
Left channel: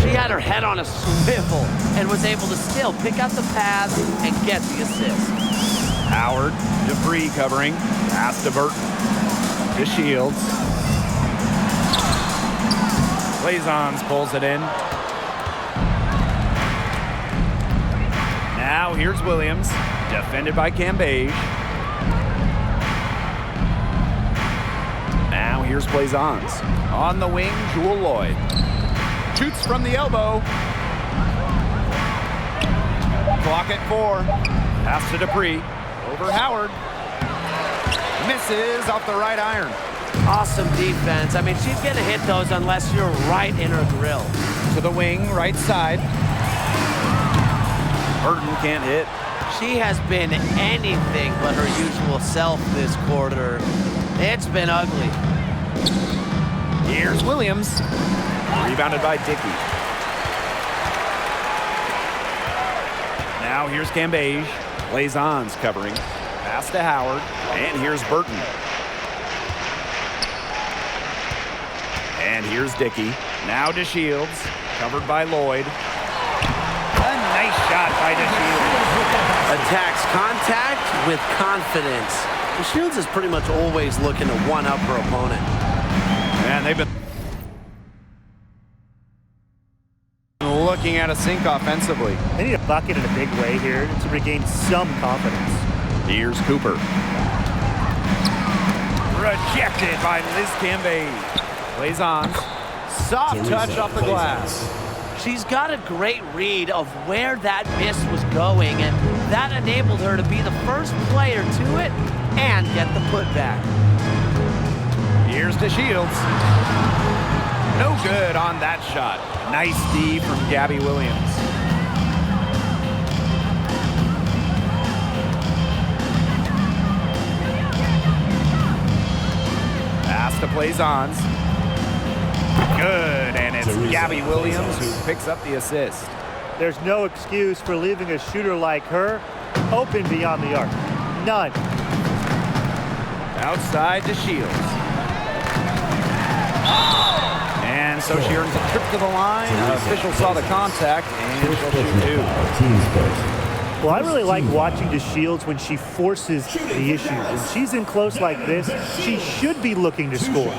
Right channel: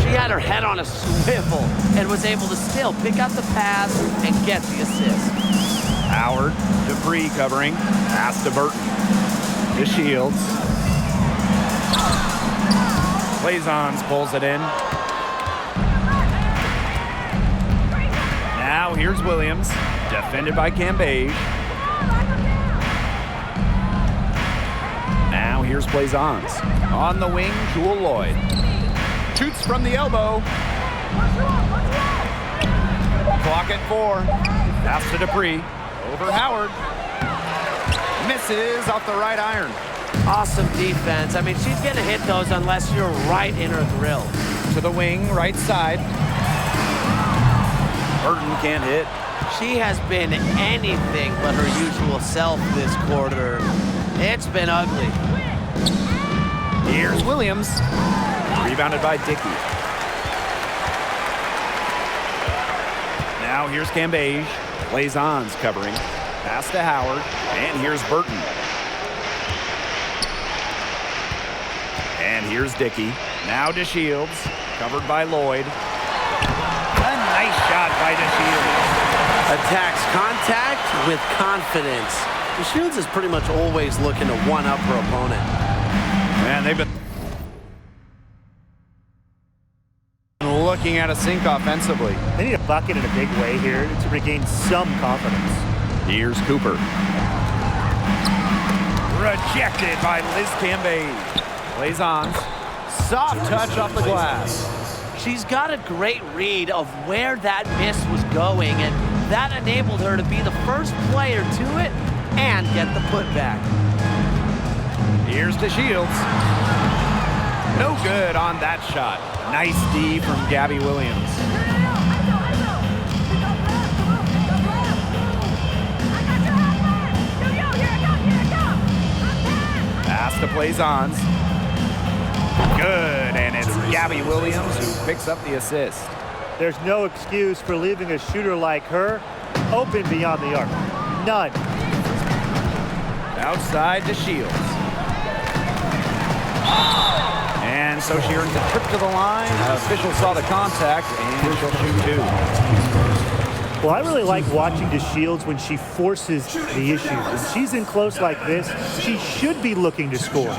She had her head on a swivel and was able to still pick out the pass and get the assist. Howard, Dupree covering, pass to Burton. To Shields. Blazons pulls it in. Now here's Williams, defended by Cambage. Now here's Blazons. On the wing, Jewel Lloyd. Shoots from the elbow. Clock at 4. Pass to Dupree. Over Howard. Misses off the right iron. Awesome defense. I mean, she's going to hit those unless you're right in her grill. To the wing, right side. Burton can't hit. She has been anything but her usual self this quarter. It's been ugly. Here's Williams. Rebounded by Dickey. Now here's Cambage. Blazons covering. Pass to Howard. And here's Burton. And here's Dickey. Now DeShields. Covered by Lloyd. A nice shot by DeShields. Attacks contact with confidence. DeShields is pretty much always looking to one-up her opponent. Man, they've been looking at a sink offensively. They need a bucket in a big way here to regain some confidence. Here's Cooper. Rejected by Liz Cambage. Plays on. Soft touch off the glass. She's got a great read of where that miss was going, and that enabled her to be the first player to it and get the putback. Here's DeShields. No good on that shot. Nice D from Gabby Williams. Pass to Blazons. Good, and it's Gabby Williams who picks up the assist. There's no excuse for leaving a shooter like her open beyond the arc. None. Outside to Shields. And so she earns a trip to the line. Official saw the contact, and she'll shoot 2. Well, I really like watching DeShields when she forces the issue. When she's in close like this, she should be looking to score.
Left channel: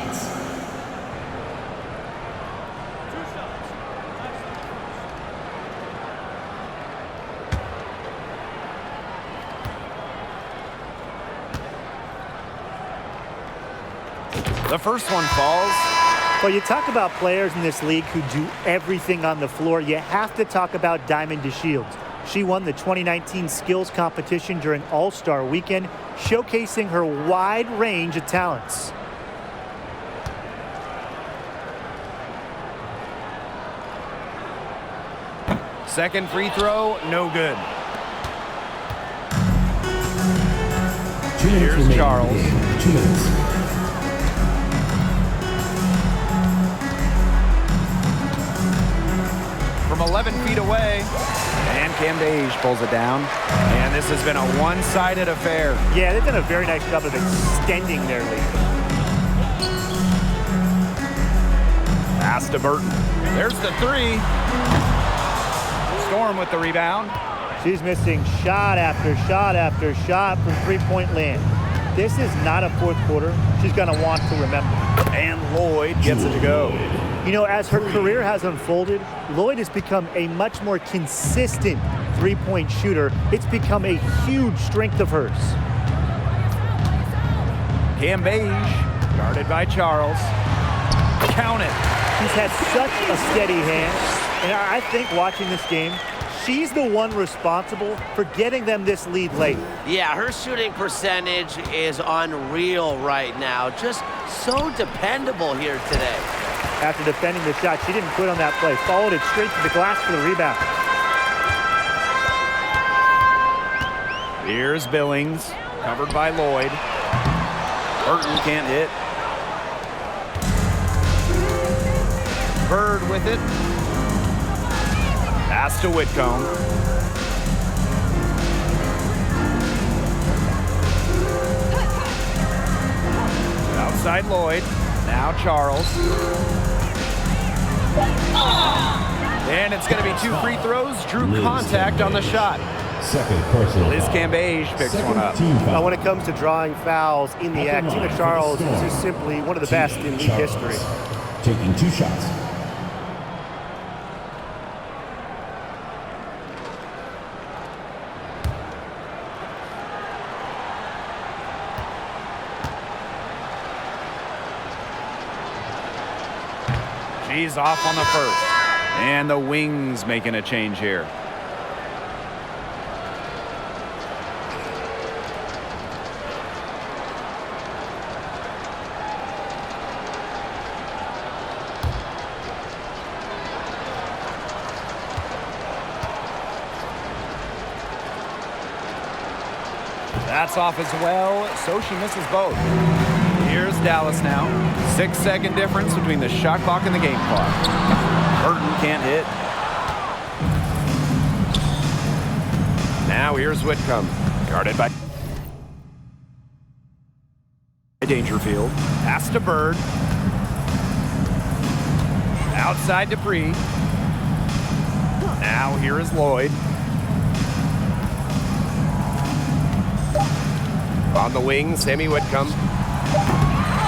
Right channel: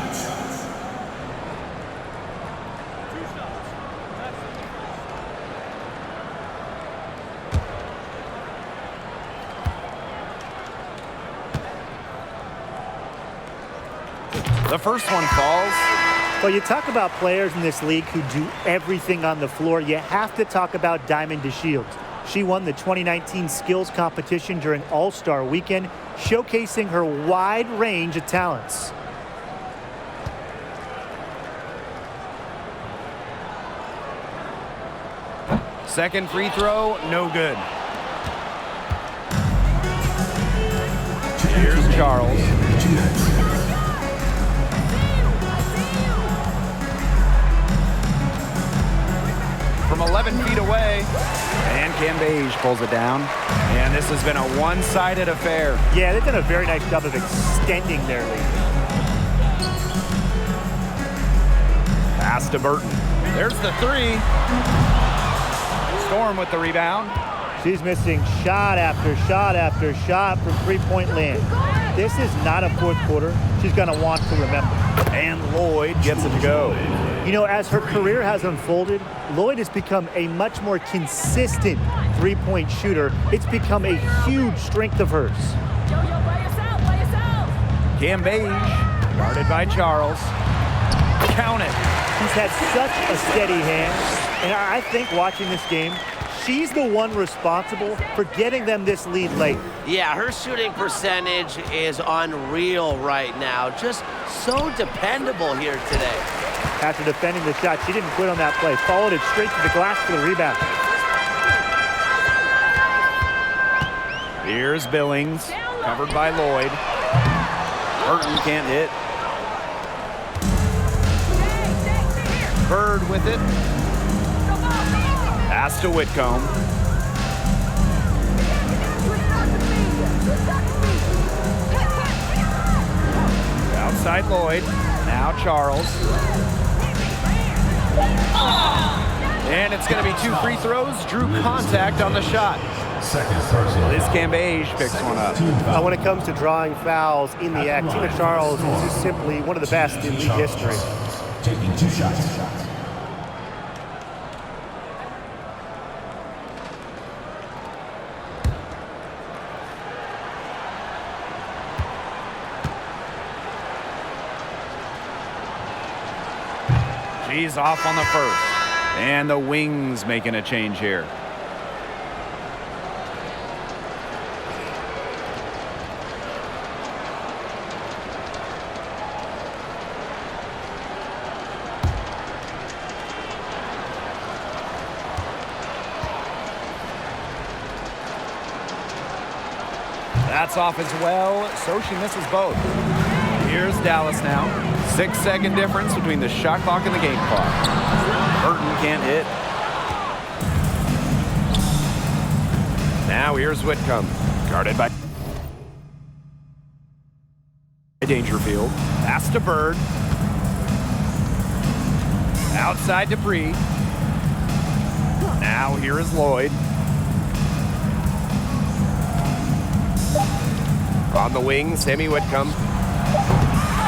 The first one falls. Well, you talk about players in this league who do everything on the floor. You have to talk about Diamond DeShields. She won the 2019 skills competition during All-Star Weekend, showcasing her wide range of talents. Second free throw, no good. Here's Charles. 2 minutes. From 11 feet away. And Cambage pulls it down. And this has been a one-sided affair. Yeah, they've done a very nice job of extending their lead. Pass to Burton. There's the three. Storm with the rebound. She's missing shot after shot after shot from three-point land. This is not a fourth quarter she's going to want to remember. And Lloyd gets it to go. You know, as her career has unfolded, Lloyd has become a much more consistent three-point shooter. It's become a huge strength of hers. Cambage, guarded by Charles. Count it. She's had such a steady hand, and I think watching this game, she's the one responsible for getting them this lead late. Yeah, her shooting percentage is unreal right now. Just so dependable here today. After defending the shot, she didn't quit on that play. Followed it straight to the glass for the rebound. Here's Billings, covered by Lloyd. Burton can't hit. Bird with it. Pass to Whitcomb. Outside Lloyd. Now Charles. And it's going to be 2 free throws. Drew contact on the shot. Second personal Liz foul. Cambage picks one up. Team foul. When it comes to drawing fouls in the act, Tina Charles is just simply one of the best in league history. Taking 2 shots. She's off on the first. And the Wings making a change here. That's off as well, so she misses both. Here's Dallas now. 6-second difference between the shot clock and the game clock. Burton can't hit. Now here's Whitcomb, guarded by Dangerfield. Pass to Bird. Outside Dupree. Now here is Lloyd. On the wing, Sammy Whitcomb.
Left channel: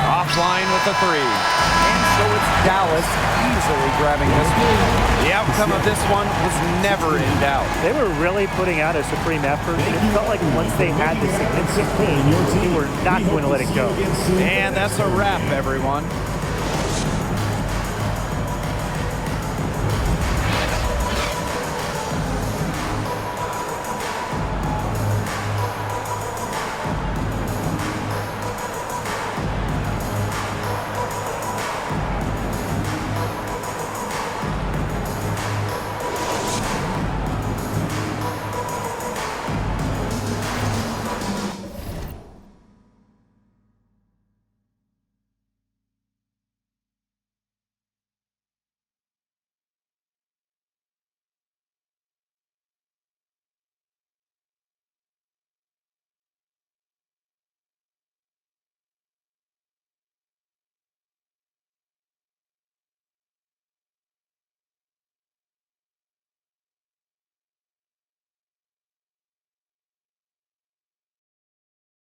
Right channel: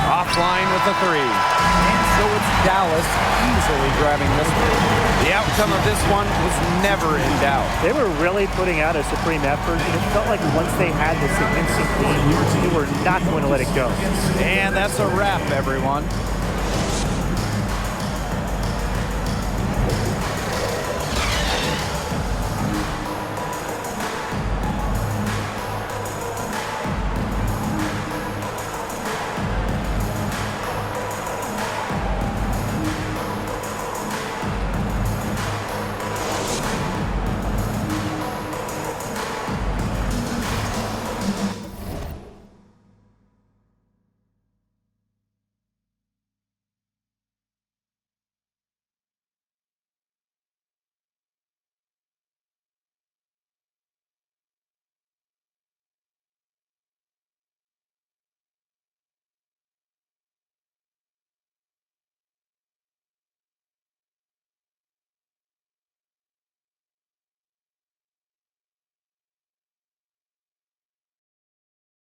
Offline with the three. And so it's Dallas easily grabbing this one. The outcome of this one was never in doubt. They were really putting out a supreme effort, and it felt like once they had this significant lead, they were not going to let it go. And that's a wrap, everyone.